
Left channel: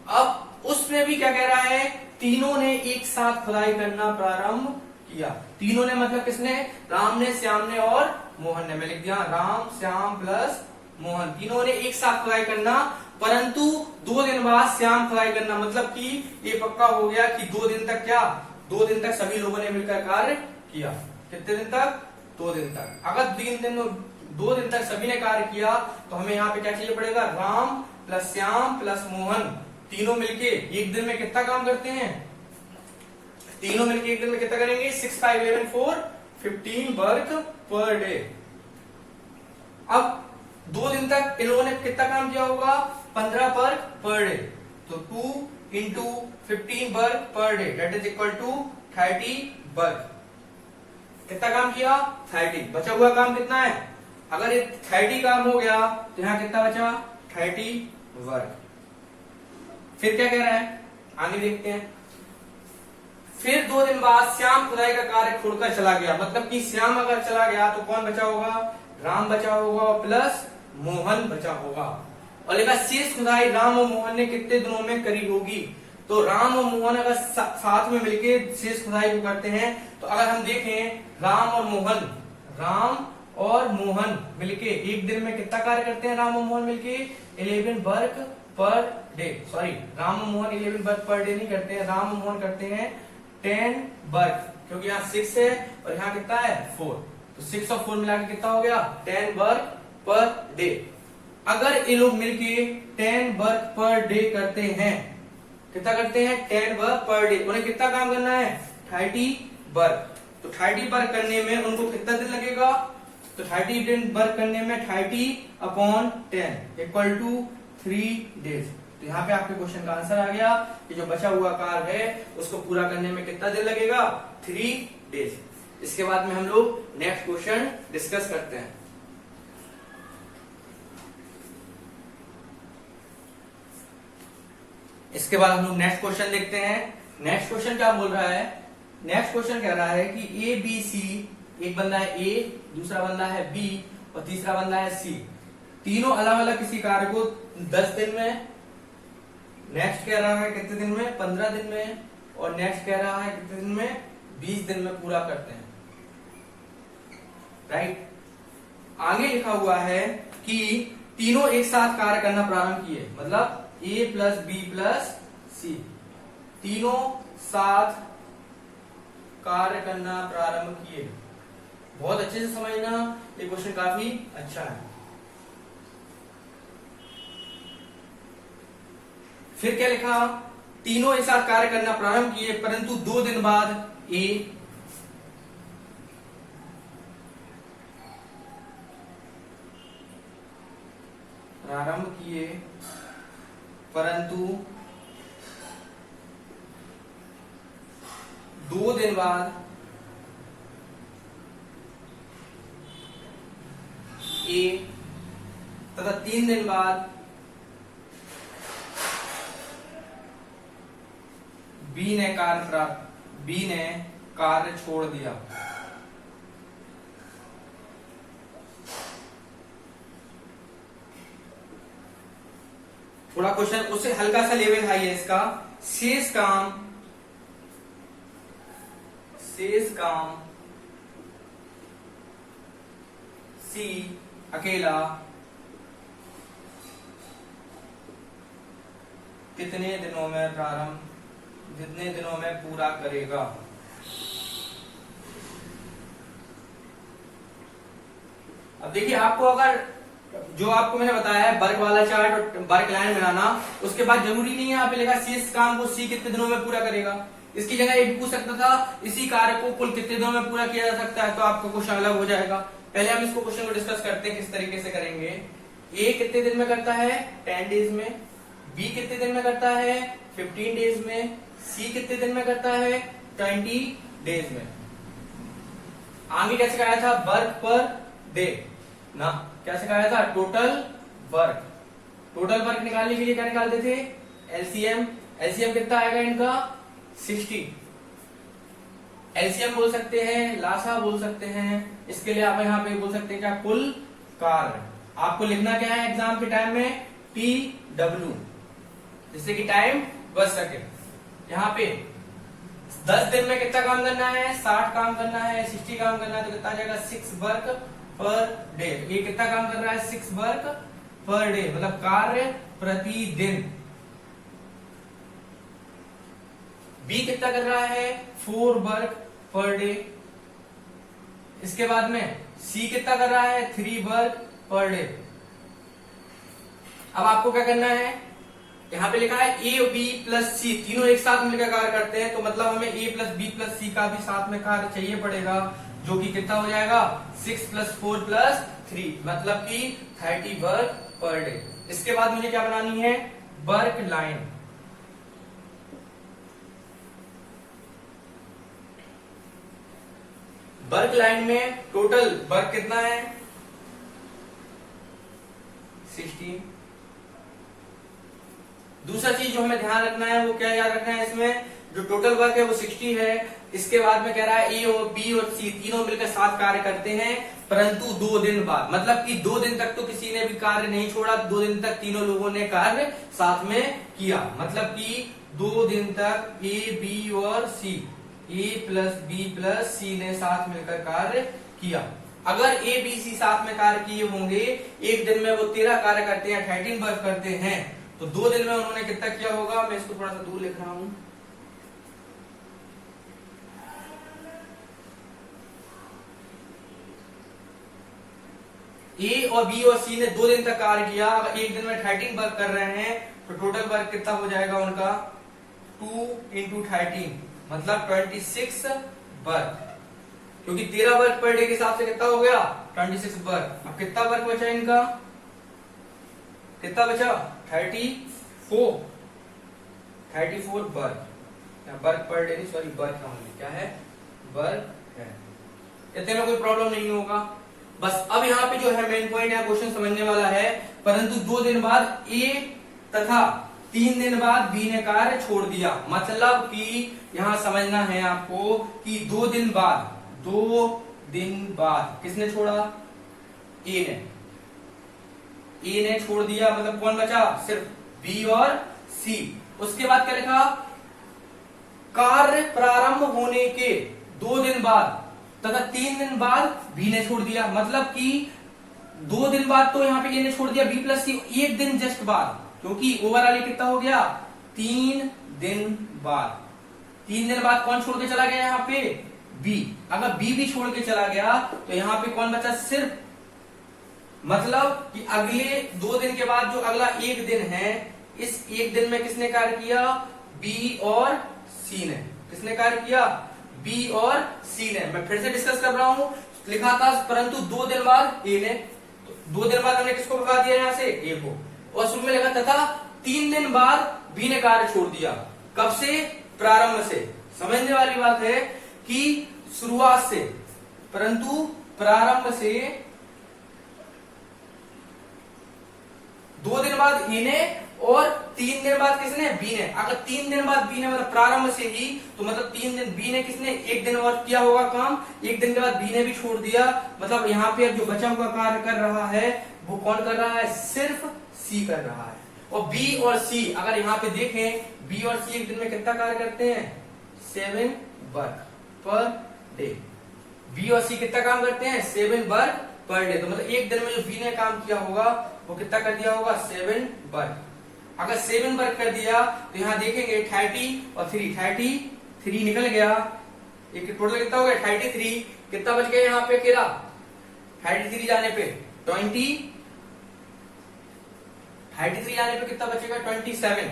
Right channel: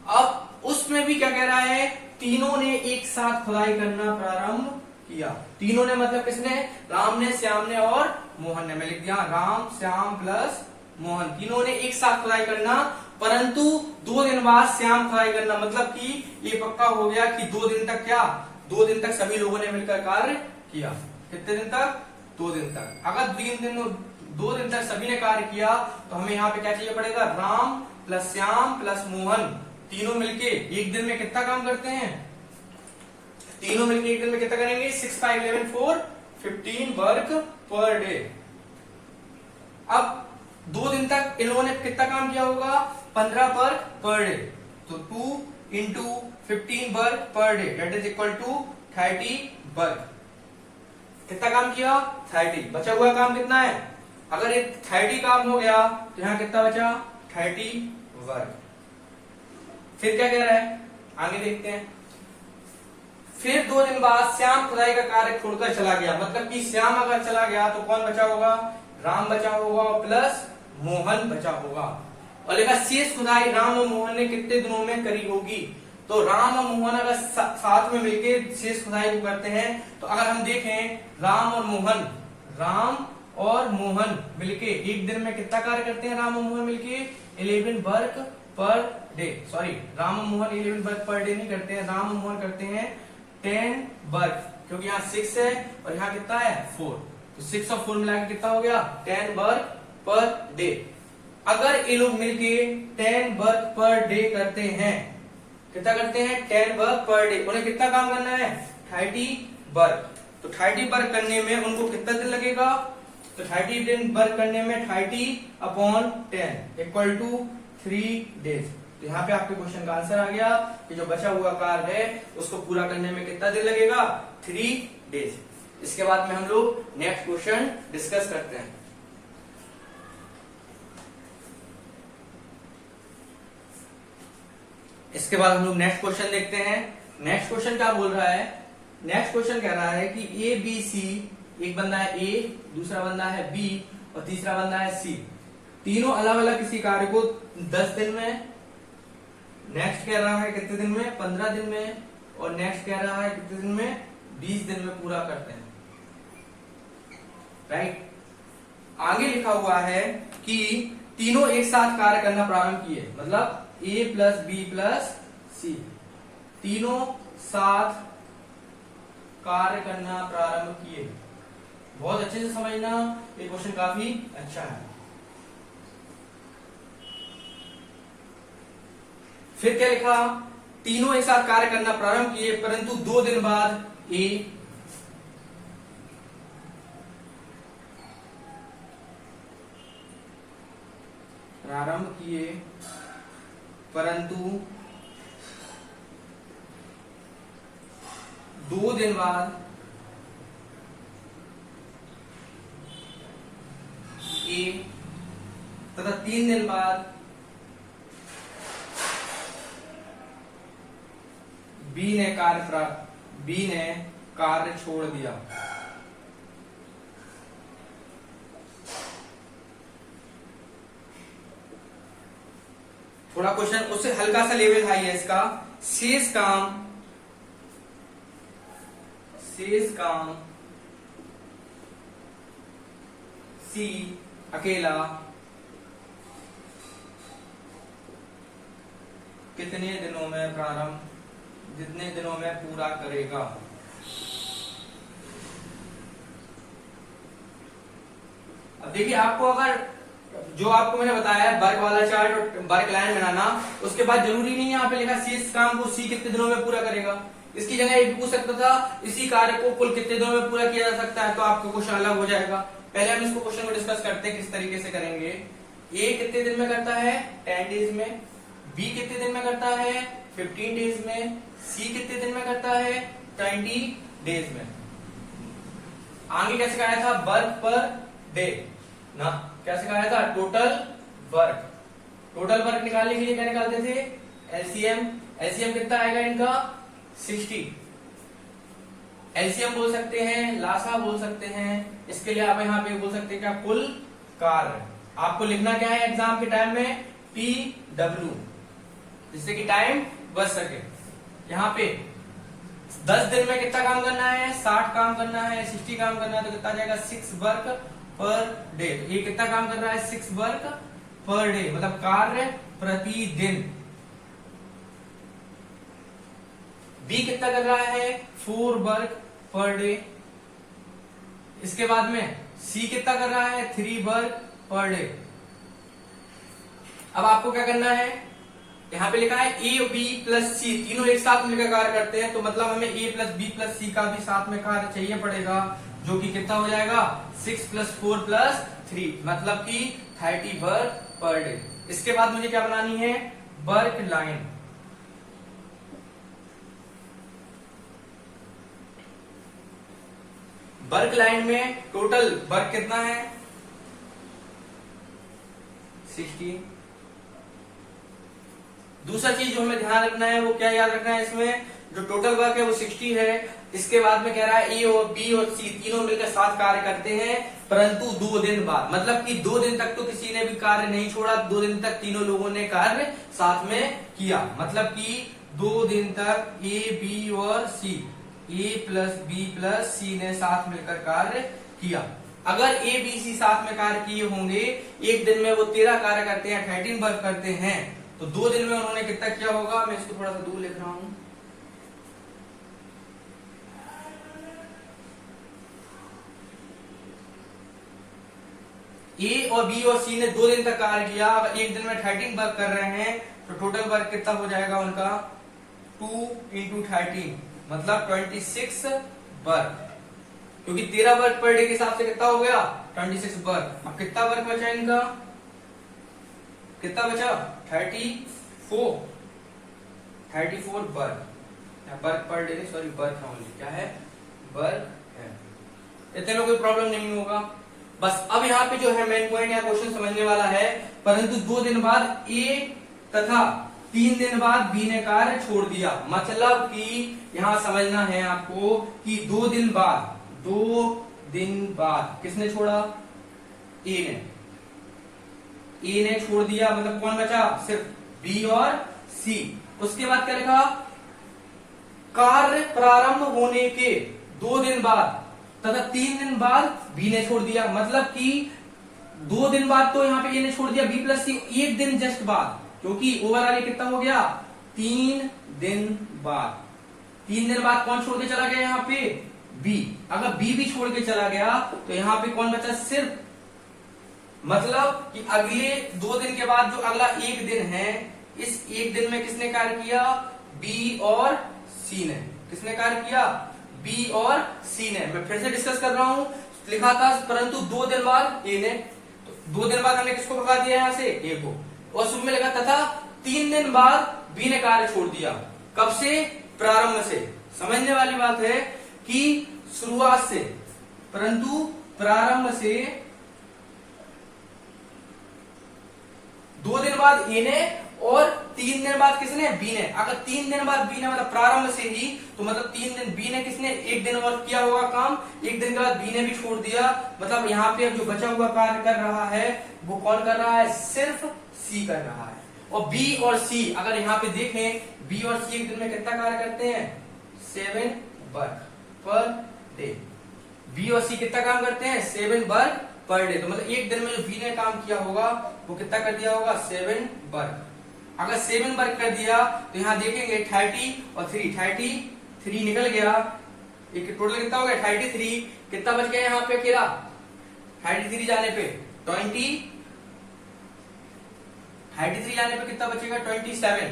अब उसमें भी क्या कह रहा है, तीनों ने एक साथ खुदाई करना प्रारंभ किया। तीनों ने मतलब किसने, राम ने, श्याम ने और मोहन ने। मैं लिख दिया राम श्याम प्लस मोहन, तीनों ने एक साथ खुदाई करना, परंतु 2 दिन बाद श्याम खुदाई करना, मतलब कि ये पक्का हो गया कि 2 दिन तक क्या, 2 दिन तक सभी लोगों ने मिलकर कार्य किया। कितने दिन तक, 2 दिन तक। अगर 2 दिन तक सभी ने कार्य किया तो हमें यहाँ पे क्या चाहिए पड़ेगा, राम प्लस श्याम प्लस मोहन, तीनों मिलके एक दिन में कितना काम करते हैं, तीनों मिलके एक दिन में कितना करेंगे 6 5 11 4 15 वर्क पर डे। अब 2 दिन तक इन लोगों ने कितना काम किया होगा 15 वर्क पर डे, तो 2 into 15 work per day that is equal to 30 work. कितना काम किया 30, बचा हुआ काम कितना है, अगर ये 30 काम हो गया तो यहाँ कितना बचा 30 वर्क। फिर क्या कह रहा है आगे देखते हैं। फिर 2 दिन बाद श्याम खुदाई का कार्य छोड़कर चला गया, मतलब कि श्याम अगर चला गया तो कौन बचा होगा, राम बचा होगा प्लस मोहन बचा होगा। और लिखा शेष खुदाई राम और मोहन ने कितने दिनों में करी होगी, तो राम और मोहन अगर साथ में मिलके शेष खुदाई को करते हैं, तो अगर हम देखें राम और मोहन मिलके एक दिन में कितना कार्य करते हैं, राम और मोहन मिलके 11 work per day, sorry Ram और मोहन 11 वर्क पर डे नहीं करते हैं, राम और मोहन करते हैं 10 वर्क, क्योंकि यहाँ 6 है और यहाँ कितना है 4, तो 6 और 4 मिला के कितना हो गया 10 वर्क पर डे। अगर ये लोग मिलके 10 वर्क पर डे करते हैं, कितना करते हैं 10 वर्क पर डे, उन्हें कितना काम करना है 30 वर्क, तो 30 वर्क करने में उनको कितना दिन लगेगा, तो 30 दिन वर्क करने में 30 अपॉन 10 इक्वल टू 3 डेज। तो यहाँ पे आपके क्वेश्चन का आंसर आ गया कि जो बचा हुआ कार्य है उसको पूरा करने में कितना दिन लगेगा 3 डेज। इसके बाद में हम लोग नेक्स्ट क्वेश्चन डिस्कस करते हैं। इसके बाद हम लोग नेक्स्ट क्वेश्चन देखते हैं। नेक्स्ट क्वेश्चन क्या बोल रहा है, नेक्स्ट क्वेश्चन कह रहा है कि ए बी सी, एक बंदा है ए, दूसरा बंदा है बी और तीसरा बंदा है सी, तीनों अलग अलग किसी कार्य को 10 दिन में, नेक्स्ट कह रहा है कितने दिन में 15 दिन में, और नेक्स्ट कह रहा है कितने दिन में 20 दिन में पूरा करते हैं, राइट। आगे लिखा हुआ है कि तीनों एक साथ कार्य करना प्रारंभ किए, मतलब ए प्लस बी प्लस सी, तीनों साथ कार्य करना प्रारंभ किए। बहुत अच्छे से समझना, ये क्वेश्चन काफी अच्छा है। फिर क्या लिखा, तीनों एक साथ कार्य करना प्रारंभ किए, परंतु 2 दिन बाद ए प्रारंभ किए, परंतु 2 दिन बाद ए तथा 3 दिन बाद बी ने कार्य छोड़ दिया। थोड़ा क्वेश्चन उससे हल्का सा लेवल हाई है इसका। शेष काम सी अकेला जितने दिनों में पूरा करेगा। अब देखिए, आपको अगर जो आपको मैंने बताया है वर्क वाला चार्ट और वर्क लाइन बनाना, उसके बाद जरूरी नहीं है यहाँ पे लिखा शेष काम को सी कितने दिनों में पूरा करेगा। इसकी जगह ये भी पूछ सकता था इसी कार्य को कुल कितने दिनों में पूरा किया जा सकता है, तो आपका क्वेश्चन अलग हो जाएगा। पहले हम इसको क्वेश्चन को डिस्कस करते हैं किस तरीके से करेंगे। ए कितने दिन में करता है 10 डेज में, बी कितने दिन में करता है 15 डेज में, सी कितने दिन में करता है 20 डेज में। आगे कैसे कराया था वर्क पर डे ना, कैसे कराया था टोटल वर्क निकालने के लिए क्या निकालते थे एलसीएम कितना आएगा इनका 60। एलसीएम बोल सकते हैं, लासा बोल सकते हैं, इसके लिए आप यहाँ पे बोल सकते हैं क्या कुल कार्य। आपको लिखना क्या है एग्जाम के टाइम में TW, जिससे कि टाइम बच सके। यहाँ पे 10 दिन में कितना काम करना है 60 काम करना है, 60 काम करना है, तो कितना जाएगा 6 वर्क पर डे। ये कितना काम कर रहा है 6 वर्क पर डे, मतलब कार्य प्रतिदिन। बी कितना कर रहा है 4 वर्क पर डे। इसके बाद में सी कितना कर रहा है 3 वर्क पर डे। अब आपको क्या करना है, यहाँ पे लिखा है ए बी प्लस सी तीनों एक साथ मिलकर कार्य करते हैं, तो मतलब हमें ए प्लस बी प्लस सी का भी साथ में कार्य चाहिए पड़ेगा, जो कि कितना हो जाएगा 6 + 4 + 3, मतलब कि 30 वर्क पर डे। इसके बाद मुझे क्या बनानी है वर्क लाइन। वर्क लाइन में टोटल वर्क कितना है 60। दूसरा चीज जो हमें ध्यान रखना है वो क्या याद रखना है, इसमें जो टोटल वर्क है वो 60 है। इसके बाद में कह रहा है ए और बी और सी तीनों मिलकर साथ कार्य करते हैं, परंतु 2 दिन बाद, मतलब कि 2 दिन तक तो किसी ने भी कार्य नहीं छोड़ा, 2 दिन तक तीनों लोगों ने कार्य साथ में किया। मतलब कि 2 दिन तक ए बी और सी, ए प्लस बी प्लस सी ने साथ मिलकर कार्य किया। अगर ए बी सी साथ में कार्य किए होंगे, एक दिन में वो 13 कार्य करते हैं, 13 वर्क करते हैं, तो 2 दिन में उन्होंने कितना किया होगा। मैं इसको थोड़ा सा दूर लिख रहा हूं। ए और बी और सी ने 2 दिन का कार्य किया, अगर एक दिन में 13 वर्क कर रहे हैं तो टोटल वर्क कितना हो जाएगा उनका 2 × 13, मतलब 26 वर्क, क्योंकि 13 वर्क पर डे के हिसाब से कितना हो गया 26 वर्क। अब कितना वर्क बचा इनका, कितना बचा 34 work per day, sorry work only, क्या है वर्क है। इतने में कोई प्रॉब्लम नहीं होगा। बस अब यहाँ पे जो है मेन पॉइंट है, क्वेश्चन समझने वाला है, परंतु 2 दिन बाद ए तथा 3 दिन बाद बी ने कार्य छोड़ दिया। मतलब कि यहां समझना है आपको कि 2 दिन बाद किसने छोड़ा, ए ने छोड़ दिया, मतलब कौन बचा सिर्फ बी और सी। उसके बाद क्या लिखा, कार्य प्रारंभ होने के 2 दिन बाद तथा 3 दिन बाद बी ने छोड़ दिया। मतलब कि 2 दिन बाद तो यहाँ पे ए ने छोड़ दिया, बी प्लस सी 1 दिन जस्ट बाद, क्योंकि ओवरऑल कितना हो गया 3 दिन बाद। 3 दिन बाद कौन छोड़ के चला गया यहाँ पे बी। अगर बी भी छोड़ के चला गया तो यहाँ पे कौन बचा सिर्फ, मतलब कि अगले 2 दिन के बाद जो अगला 1 दिन है, इस 1 दिन में किसने कार्य किया बी और सी ने। किसने कार्य किया बी और सी ने। मैं फिर से डिस्कस कर रहा हूं, लिखा था परंतु 2 दिन बाद ए ने, तो 2 दिन बाद हमने किसको भगा दिया यहां से ए को, और शुरू में लिखा था 3 दिन बाद बी ने कार्य छोड़ दिया। कब से, प्रारंभ से। समझने वाली बात है कि शुरुआत से, परंतु प्रारंभ से 2 दिन बाद ए ने और 3 दिन बाद किसने बी ने। अगर 3 दिन बाद बी ने, मतलब प्रारंभ से ही, तो मतलब 3 दिन बी ने किसने 1 दिन और किया होगा काम, 1 दिन के बाद बी ने भी छोड़ दिया। मतलब यहाँ पे जो बचा हुआ कार्य कर रहा है वो कौन कर रहा है, सिर्फ सी कर रहा है। और बी और सी अगर यहाँ पे देखें, बी और सी एक दिन में कितना कार्य करते हैं, 7 वर्क पर डे। बी और सी कितना काम करते हैं, 7 वर्क पर डे। तो मतलब एक दिन में जो बी ने काम किया होगा वो कितना कर दिया होगा, 7 वर्क। अगर 7 वर्क कर दिया तो यहाँ देखेंगे 30 और 3, 33 निकल गया, एक टोटल कितना हो गया 33, कितना बच गया यहाँ पे अकेला 33 जाने पे 20, 33 जाने पे कितना बचेगा 27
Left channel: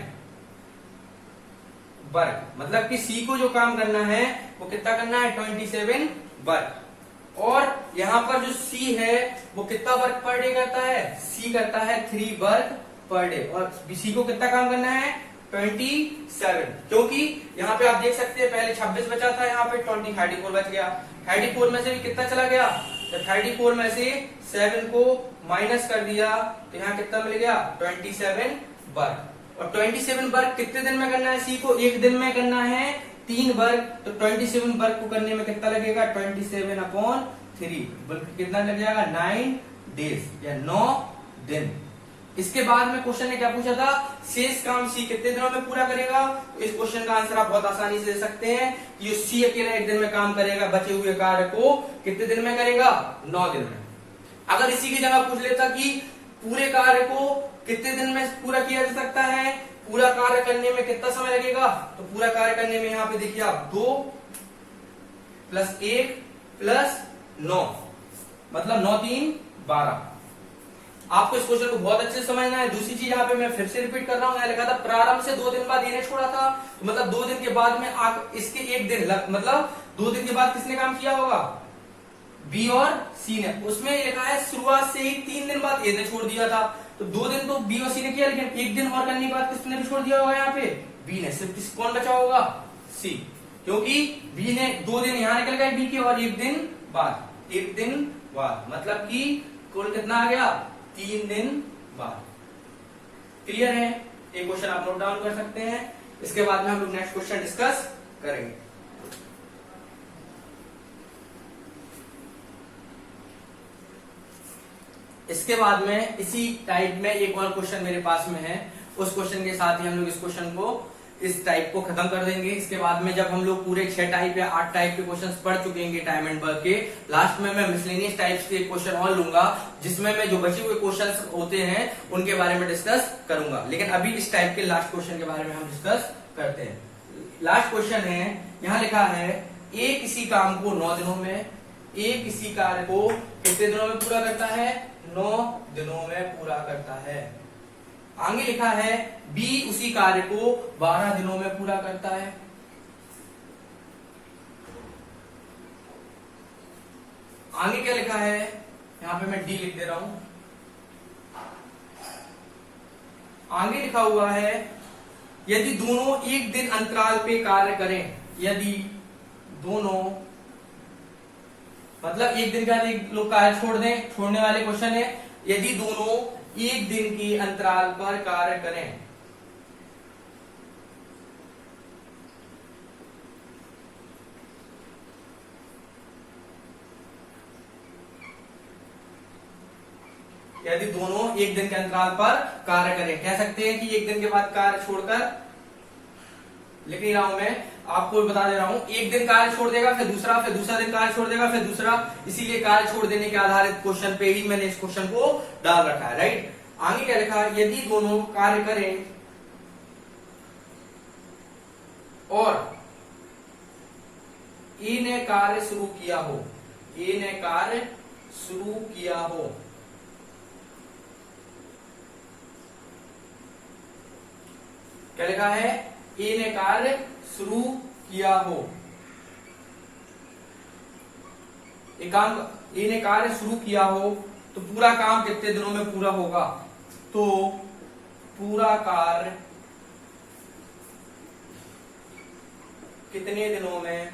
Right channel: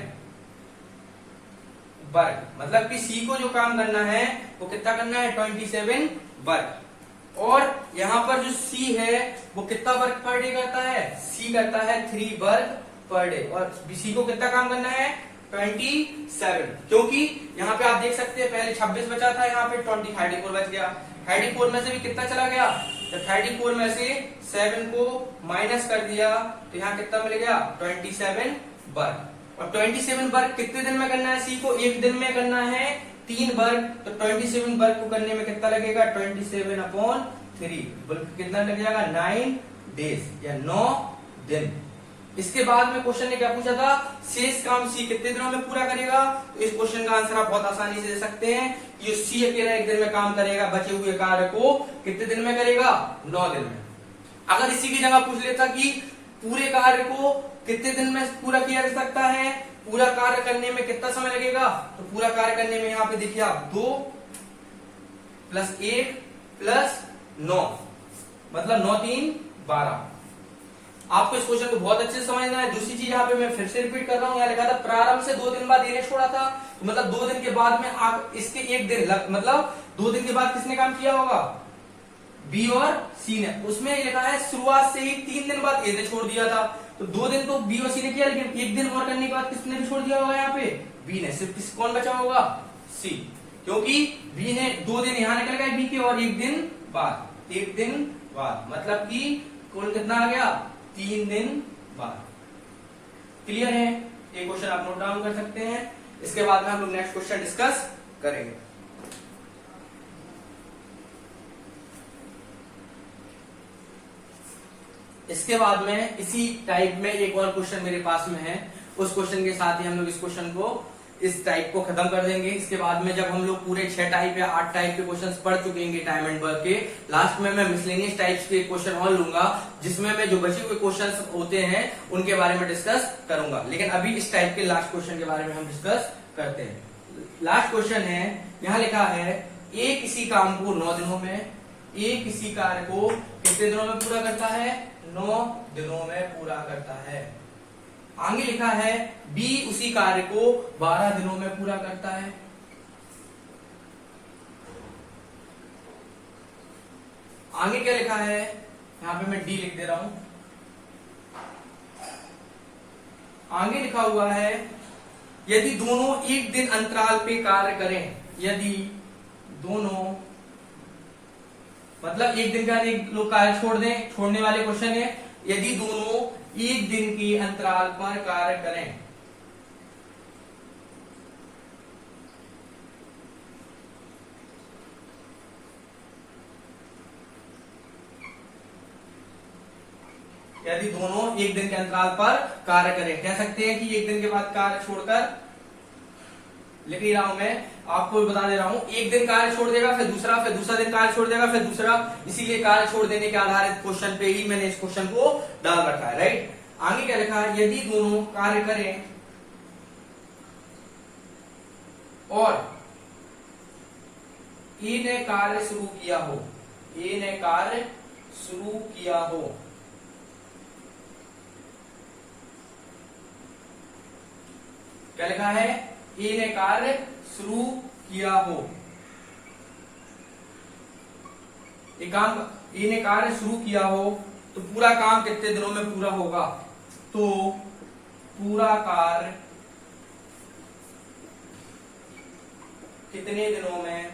वर्क। मतलब कि सी को जो काम करना है वो कितना करना है 27 वर्क। और यहां पर जो सी है वो कितना वर्क पर डे करता है, सी करता है 3 वर्क पर डे। और सी को कितना काम करना है 27, क्योंकि यहाँ पे आप देख सकते हैं पहले 26 बचा था, यहाँ पे 34 बच गया। 34 में से भी कितना चला गया, तो 34 में से 7 को माइनस कर दिया तो यहाँ कितना मिल गया 27 वर्क। और 27 वर्क कितने दिन में करना है, सी को एक दिन में करना है 3 वर्क। तो 27 वर्क को करने में कितना लगेगा 27/3, बल्कि कितना लग जाएगा 9 डेज या 9 दिन। इसके बाद में क्वेश्चन ने क्या पूछा था, शेष काम सी कितने दिनों में पूरा करेगा। इस क्वेश्चन का आंसर आप बहुत आसानी से दे सकते हैं, ये सी अकेला एक दिन में काम करेगा, बचे हुए कार्य को कितने दिन में करेगा 9 दिन में। अगर इसी की जगह पूछ लेता कि पूरे कार्य को कितने दिन में पूरा किया जा सकता है, पूरा कार्य करने में कितना समय लगेगा, तो पूरा कार्य करने में यहाँ पे देखिए आप 2 + 1 + 9 मतलब 9 × 3 = 12। आपको इस क्वेश्चन को बहुत अच्छे से समझना है। दूसरी चीज यहाँ पे मैं फिर से रिपीट कर रहा हूँ, यहाँ लिखा था प्रारंभ से 2 दिन बाद ये छोड़ा था, तो मतलब 2 दिन के बाद में आप इसके एक दिन मतलब 2 दिन के बाद किसने काम किया होगा, बी और सी ने। उसमें लिखा है शुरुआत से ही 3 दिन बाद ए ने छोड़ दिया था, तो 2 दिन तो बी और सी ने किया, लेकिन एक दिन और करने के बाद किसने भी छोड़ दिया होगा यहाँ पे, बी ने। सिर्फ कौन बचा होगा, सी, क्योंकि बी ने 2 दिन यहाँ निकल गए बी के और एक दिन बाद मतलब कि कुल कितना आ गया 3 दिन बाद। क्लियर है, ये क्वेश्चन आप नोट डाउन कर सकते हैं। इसके बाद में हम लोग नेक्स्ट क्वेश्चन डिस्कस करेंगे। इसके बाद में इसी टाइप में एक और क्वेश्चन मेरे पास में है, उस क्वेश्चन के साथ ही हम लोग इस क्वेश्चन को इस टाइप को खत्म कर देंगे। इसके बाद में जब हम लोग पूरे 6 टाइप या 8 टाइप के क्वेश्चंस पढ़ चुकेंगे टाइम एंड वर्क के, लास्ट में मैं मिसलेनियस टाइप्स के क्वेश्चन और लूंगा, जिसमें मैं जो बचे हुए क्वेश्चंस होते हैं उनके बारे में डिस्कस करूंगा। लेकिन अभी इस टाइप के लास्ट क्वेश्चन के बारे में हम डिस्कस करते हैं। लास्ट क्वेश्चन है, यहाँ लिखा है ए किसी काम को 9 दिनों में, ए किसी कार्य को कितने दिनों में पूरा करता है, 9 दिनों में पूरा करता है। आगे लिखा है बी उसी कार्य को 12 दिनों में पूरा करता है। आगे क्या लिखा है, यहां पे मैं डी लिख दे रहा हूं। आगे लिखा हुआ है यदि दोनों एक दिन अंतराल पे कार्य करें, यदि दोनों मतलब एक दिन का एक लोग कार्य छोड़ दें, छोड़ने वाले क्वेश्चन है, यदि दोनों एक दिन के अंतराल पर कार्य करें, यदि दोनों एक दिन के अंतराल पर कार्य करें, कह सकते हैं कि एक दिन के बाद कार्य छोड़कर, लिख रहा हूं मैं आपको बता दे रहा हूं, एक दिन कार्य छोड़ देगा फिर दूसरा दिन कार्य छोड़ देगा फिर दूसरा, इसीलिए कार्य छोड़ देने के आधारित क्वेश्चन पे ही मैंने इस क्वेश्चन को डाल रखा है, राइट। आगे क्या लिखा है, यदि दोनों कार्य करें और ए ने कार्य शुरू किया हो, ए ने कार्य शुरू किया हो, क्या लिखा है, ए ने कार्य शुरू किया हो, एक काम ए ने कार्य शुरू किया हो तो पूरा काम कितने दिनों में पूरा होगा, तो पूरा कार्य कितने दिनों में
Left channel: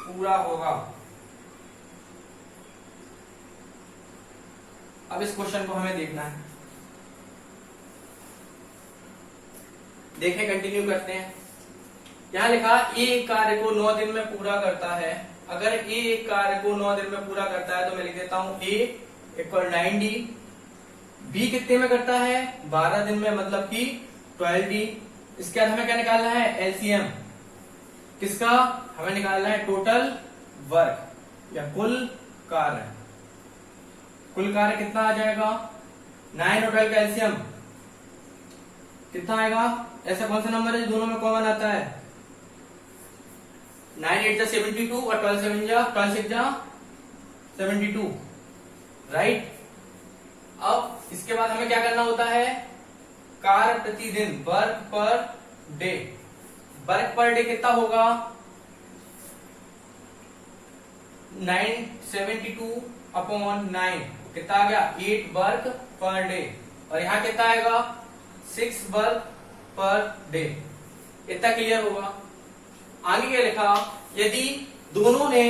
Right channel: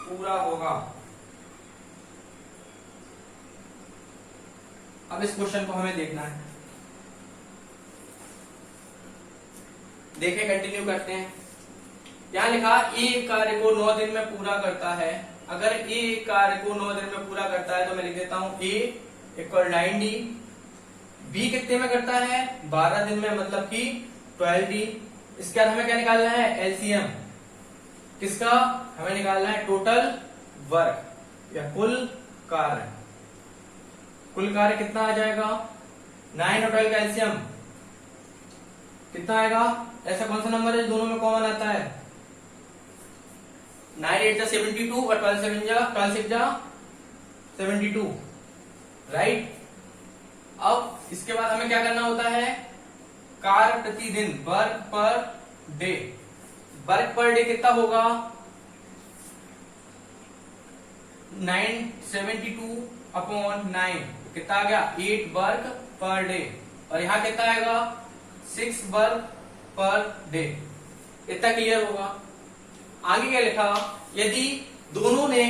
पूरा होगा। अब इस क्वेश्चन को हमें देखना है, देखें कंटिन्यू करते हैं। यहां लिखा ए कार्य को 9 दिन में पूरा करता है। अगर ए कार्य को 9 दिन में पूरा करता है तो मैं लिख देता हूं ए इक्वल 90। बी कितने में करता है? 12 दिन में, मतलब कि 12D। इसके बाद हमें क्या निकालना है? एलसीएम किसका? हमें निकालना है टोटल वर्क या कुल कार्य। कुल कार्य कितना आ जाएगा? 9 और 12 का एलसीएम कितना आएगा? ऐसा कौन सा नंबर है जो दोनों में कॉमन आता है? 9 8 जा 72 और 12 7 जा 72, राइट। अब इसके बाद हमें क्या करना होता है? कार्य प्रतिदिन, work per day. Work per day कितना होगा? 972 अपॉन 9 कितना आ गया? 8 वर्क पर डे। और यहां कितना आएगा? 6 वर्क पर डे। इतना क्लियर होगा। आगे क्या लिखा? यदि दोनों ने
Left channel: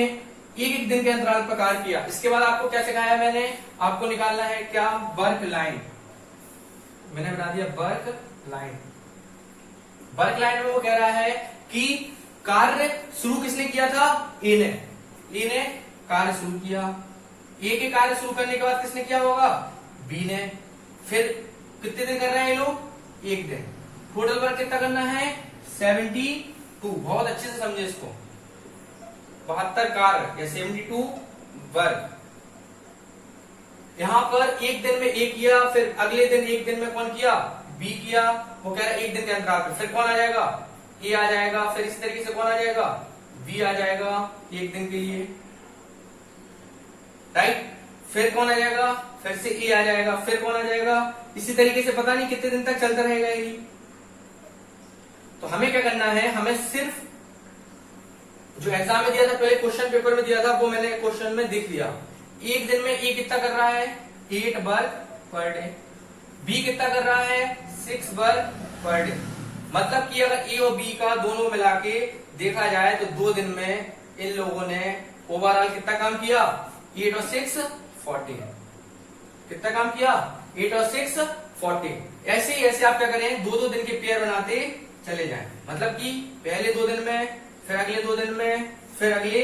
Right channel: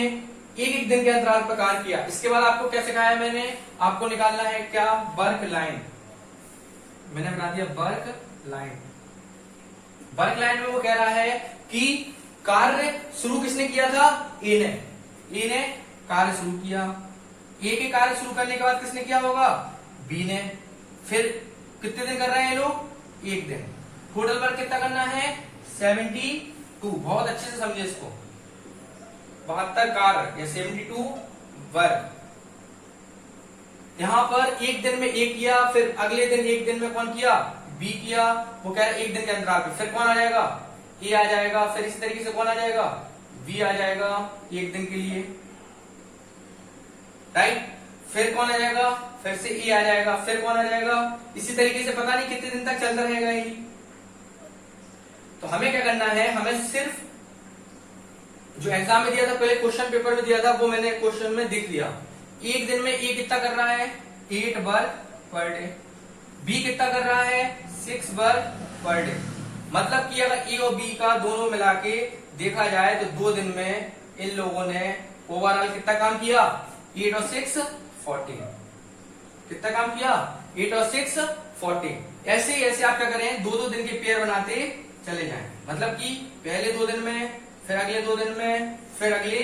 एक एक दिन के अंतराल पर कार्य किया। इसके बाद आपको क्या सिखाया मैंने? आपको निकालना है क्या? Work line. मैंने बना दिया वर्क लाइन। वर्क लाइन में वो कह रहा है कि कार्य शुरू किसने किया था? ए ने कार्य शुरू किया। ए के कार्य शुरू करने के बाद किसने किया होगा? बी ने। फिर कितने दिन कर रहे हैं ये लोग? एक दिन। टोटल वर्क कितना करना है? 72। बहुत अच्छे से समझे इसको। 72 कार्य या 72 वर्क। यहां पर एक दिन में एक किया, फिर अगले दिन एक दिन में कौन किया? बी किया। वो कह रहा है एक दिन के अंतराल पे। फिर कौन आ जाएगा? ए आ जाएगा। फिर इस तरीके से कौन आ जाएगा? बी आ जाएगा एक दिन के लिए, राइट। फिर कौन आ जाएगा? फिर से ए आ जाएगा। फिर कौन आ जाएगा? इसी तरीके से पता नहीं कितने दिन तक चलता रहेगा ये। तो हमें क्या करना है? हमें सिर्फ जो एग्जाम में दिया था, पहले क्वेश्चन पेपर में दिया था, वो मैंने क्वेश्चन में देख लिया। एक दिन में ए कितना कर रहा है? 8 वर्क पर डे। बी कितना कर रहा है? 6 वर्क पर डे। मतलब कि अगर ए और बी का दोनों मिला के देखा जाए तो 2 दिन में इन लोगों ने ओवरऑल कितना काम किया? 8 और 6 14। कितना काम किया? 8 और 6 14। ऐसे ही ऐसे आप क्या करें? 2-2 दिन के पेयर बनाते चले जाएं। मतलब कि पहले 2 दिन में, फिर अगले 2 दिन में, फिर अगले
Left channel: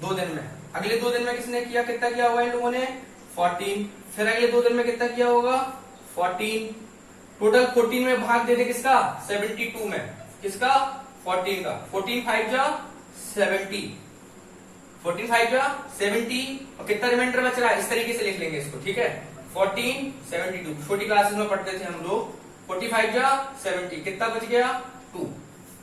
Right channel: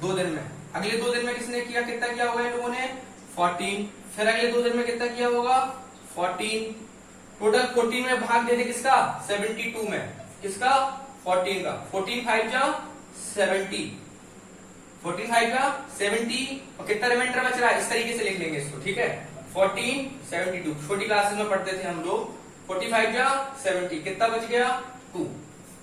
2 दिन में। अगले 2 दिन में किसने किया? कितना किया होगा इन लोगों ने? 14। फिर अगले 2 दिन में कितना किया होगा? 14। टोटल 14 में भाग दे दे किसका? 72 में। किसका? 14 का। 14 5 जा 70। 14 5 जा 70। और कितना रिमाइंडर बच रहा है? इस तरीके से लिख लेंगे इसको, ठीक है। 14 72 छोटी क्लासेस में पढ़ते थे हम लोग। 45 जा 70 कितना बच गया? 2।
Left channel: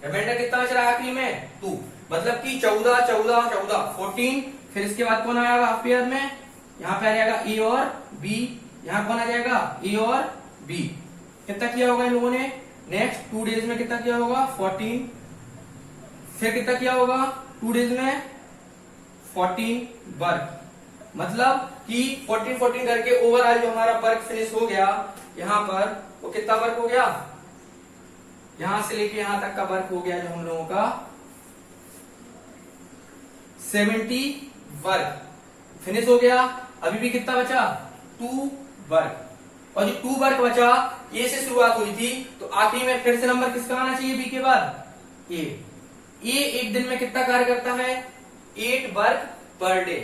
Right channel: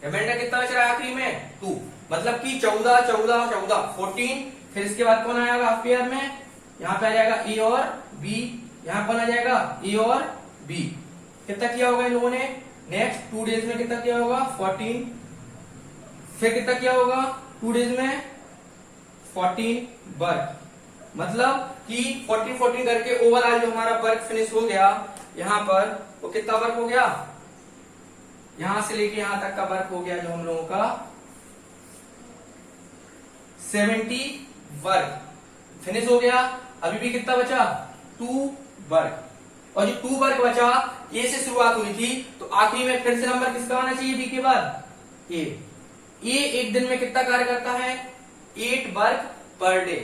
रिमाइंडर कितना बच रहा है आखिरी में? 2। मतलब कि 14 14 14 14। फिर इसके बाद कौन आएगा हाफ पेयर में? यहाँ पे आ जाएगा ए और बी। यहाँ कौन आ जाएगा? ए और बी। कितना किया होगा इन लोगों ने? नेक्स्ट 2 डेज में कितना किया होगा? 14। फिर कितना किया होगा 2 डेज में? 14 वर्क। मतलब कि 14 14 करके ओवरऑल जो हमारा वर्क फिनिश हो गया यहाँ पर, वो कितना वर्क हो गया? यहां से लेके यहां तक का वर्क हो गया जो हम लोगों का 70 वर्क फिनिश हो गया। अभी भी कितना बचा? 2 वर्क। और जो 2 वर्क बचा, ए से शुरुआत हुई थी, तो आखिरी में फिर से नंबर किसका आना चाहिए? बी के बाद ए। ए एक दिन में कितना कार्य करता है? 8 वर्क पर डे।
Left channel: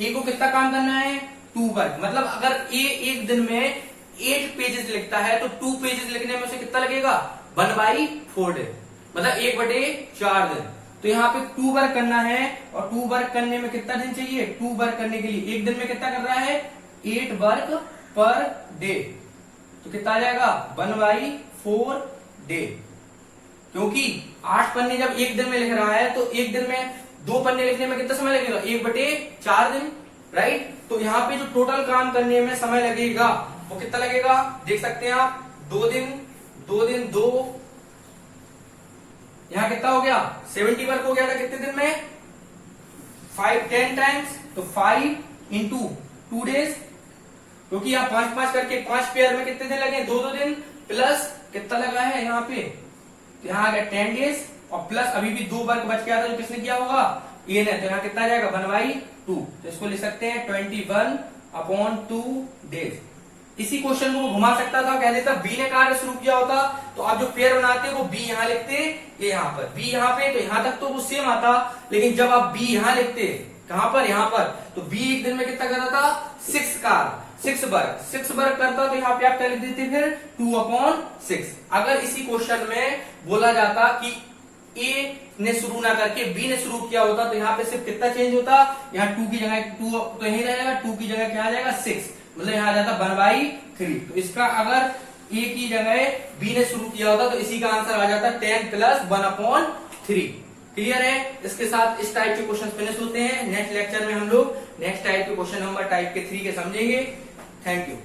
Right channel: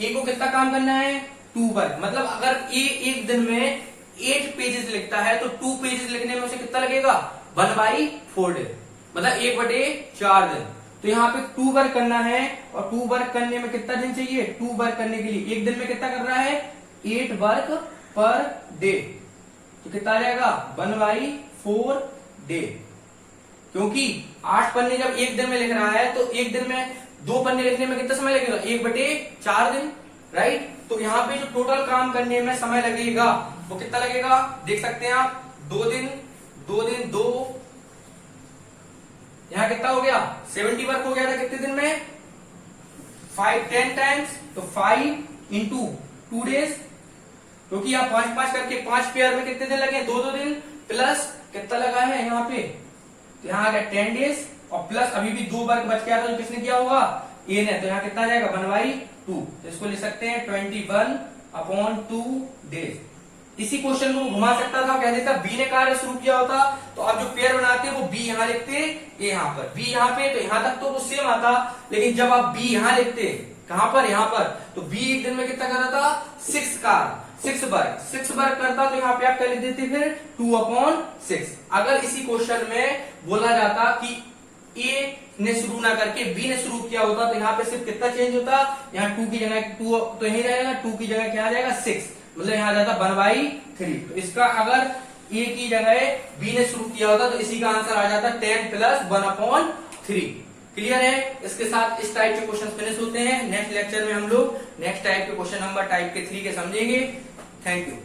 ए को कितना काम करना है? 2 वर्क। मतलब अगर ए एक दिन में 8 पेजेस लिखता है तो 2 पेजेस लिखने में उसे कितना लगेगा? 1/4 डे। मतलब 1/4 दिन। तो यहाँ पे 2 वर्क करना है, और 2 वर्क करने में कितना दिन चाहिए? 2 वर्क करने के लिए एक दिन में कितना कर रहा है? 8 वर्क पर डे। तो कितना आ जाएगा? 1/4 डे। क्योंकि 8 पन्ने जब एक दिन में लिख रहा है तो एक दिन में 2 पन्ने लिखने में कितना समय लगेगा? 1/4 दिन, राइट। तो यहाँ पे जो टोटल काम करने में समय लगेगा वो कितना लगेगा? देख सकते हैं आप, 2 दिन 2 दिन 2। यहां कितना हो गया? 70 वर्क हो गया था कितने दिन में? 10 टाइम्स। तो 5 इंटू 2 डेज। क्योंकि आप 5 करके 5 पेयर में कितने दिन लगे? 2 दिन। प्लस कितना लगा है यहाँ पे? तो यहाँ आ गया 10 डेज। और प्लस अभी भी 2 वर्क बच गया था जो किसने किया होगा? ए ने। तो यहाँ कितना जाएगा? 1/2। तो इसको लिख सकते हैं 21/2 डेज। इसी क्वेश्चन को घुमा सकता था, कह देता बी ने कार्य शुरू किया होता, तो आप जो पेयर बनाते वो बी यहां लिखते, ए यहां पर, बी यहां पे, तो यहां तक तो वो सेम आता। लेकिन जब आप बी यहां लिखते, कहां पर? यहां पर, तो बी एक दिन में कितना कर रहा था? सिक्स वर्ग करता तो यहाँ पे आप क्या लिख देते फिर 2/6। अगर इसी क्वेश्चन में बोला जाता कि ए ने शुरू ना करके बी ने शुरू किया होता तो यहाँ पे सिर्फ कितना चेंज होता, यहाँ 2 की जगह 2 तो यही रहेगा, 2 की जगह क्या आ जाएगा 6, मतलब यहाँ आ जाता 1/3। तो इसका अगर ए की जगह बी ने शुरू किया होता तो इसी का आंसर आ जाता 10 + 1/3। क्लियर है? इसके साथ इस टाइप के क्वेश्चन फिनिश होते हैं। नेक्स्ट लेक्चर में हम लोग नेक्स्ट टाइप के क्वेश्चन नंबर टाइप के 3 के समझेंगे। Thank you.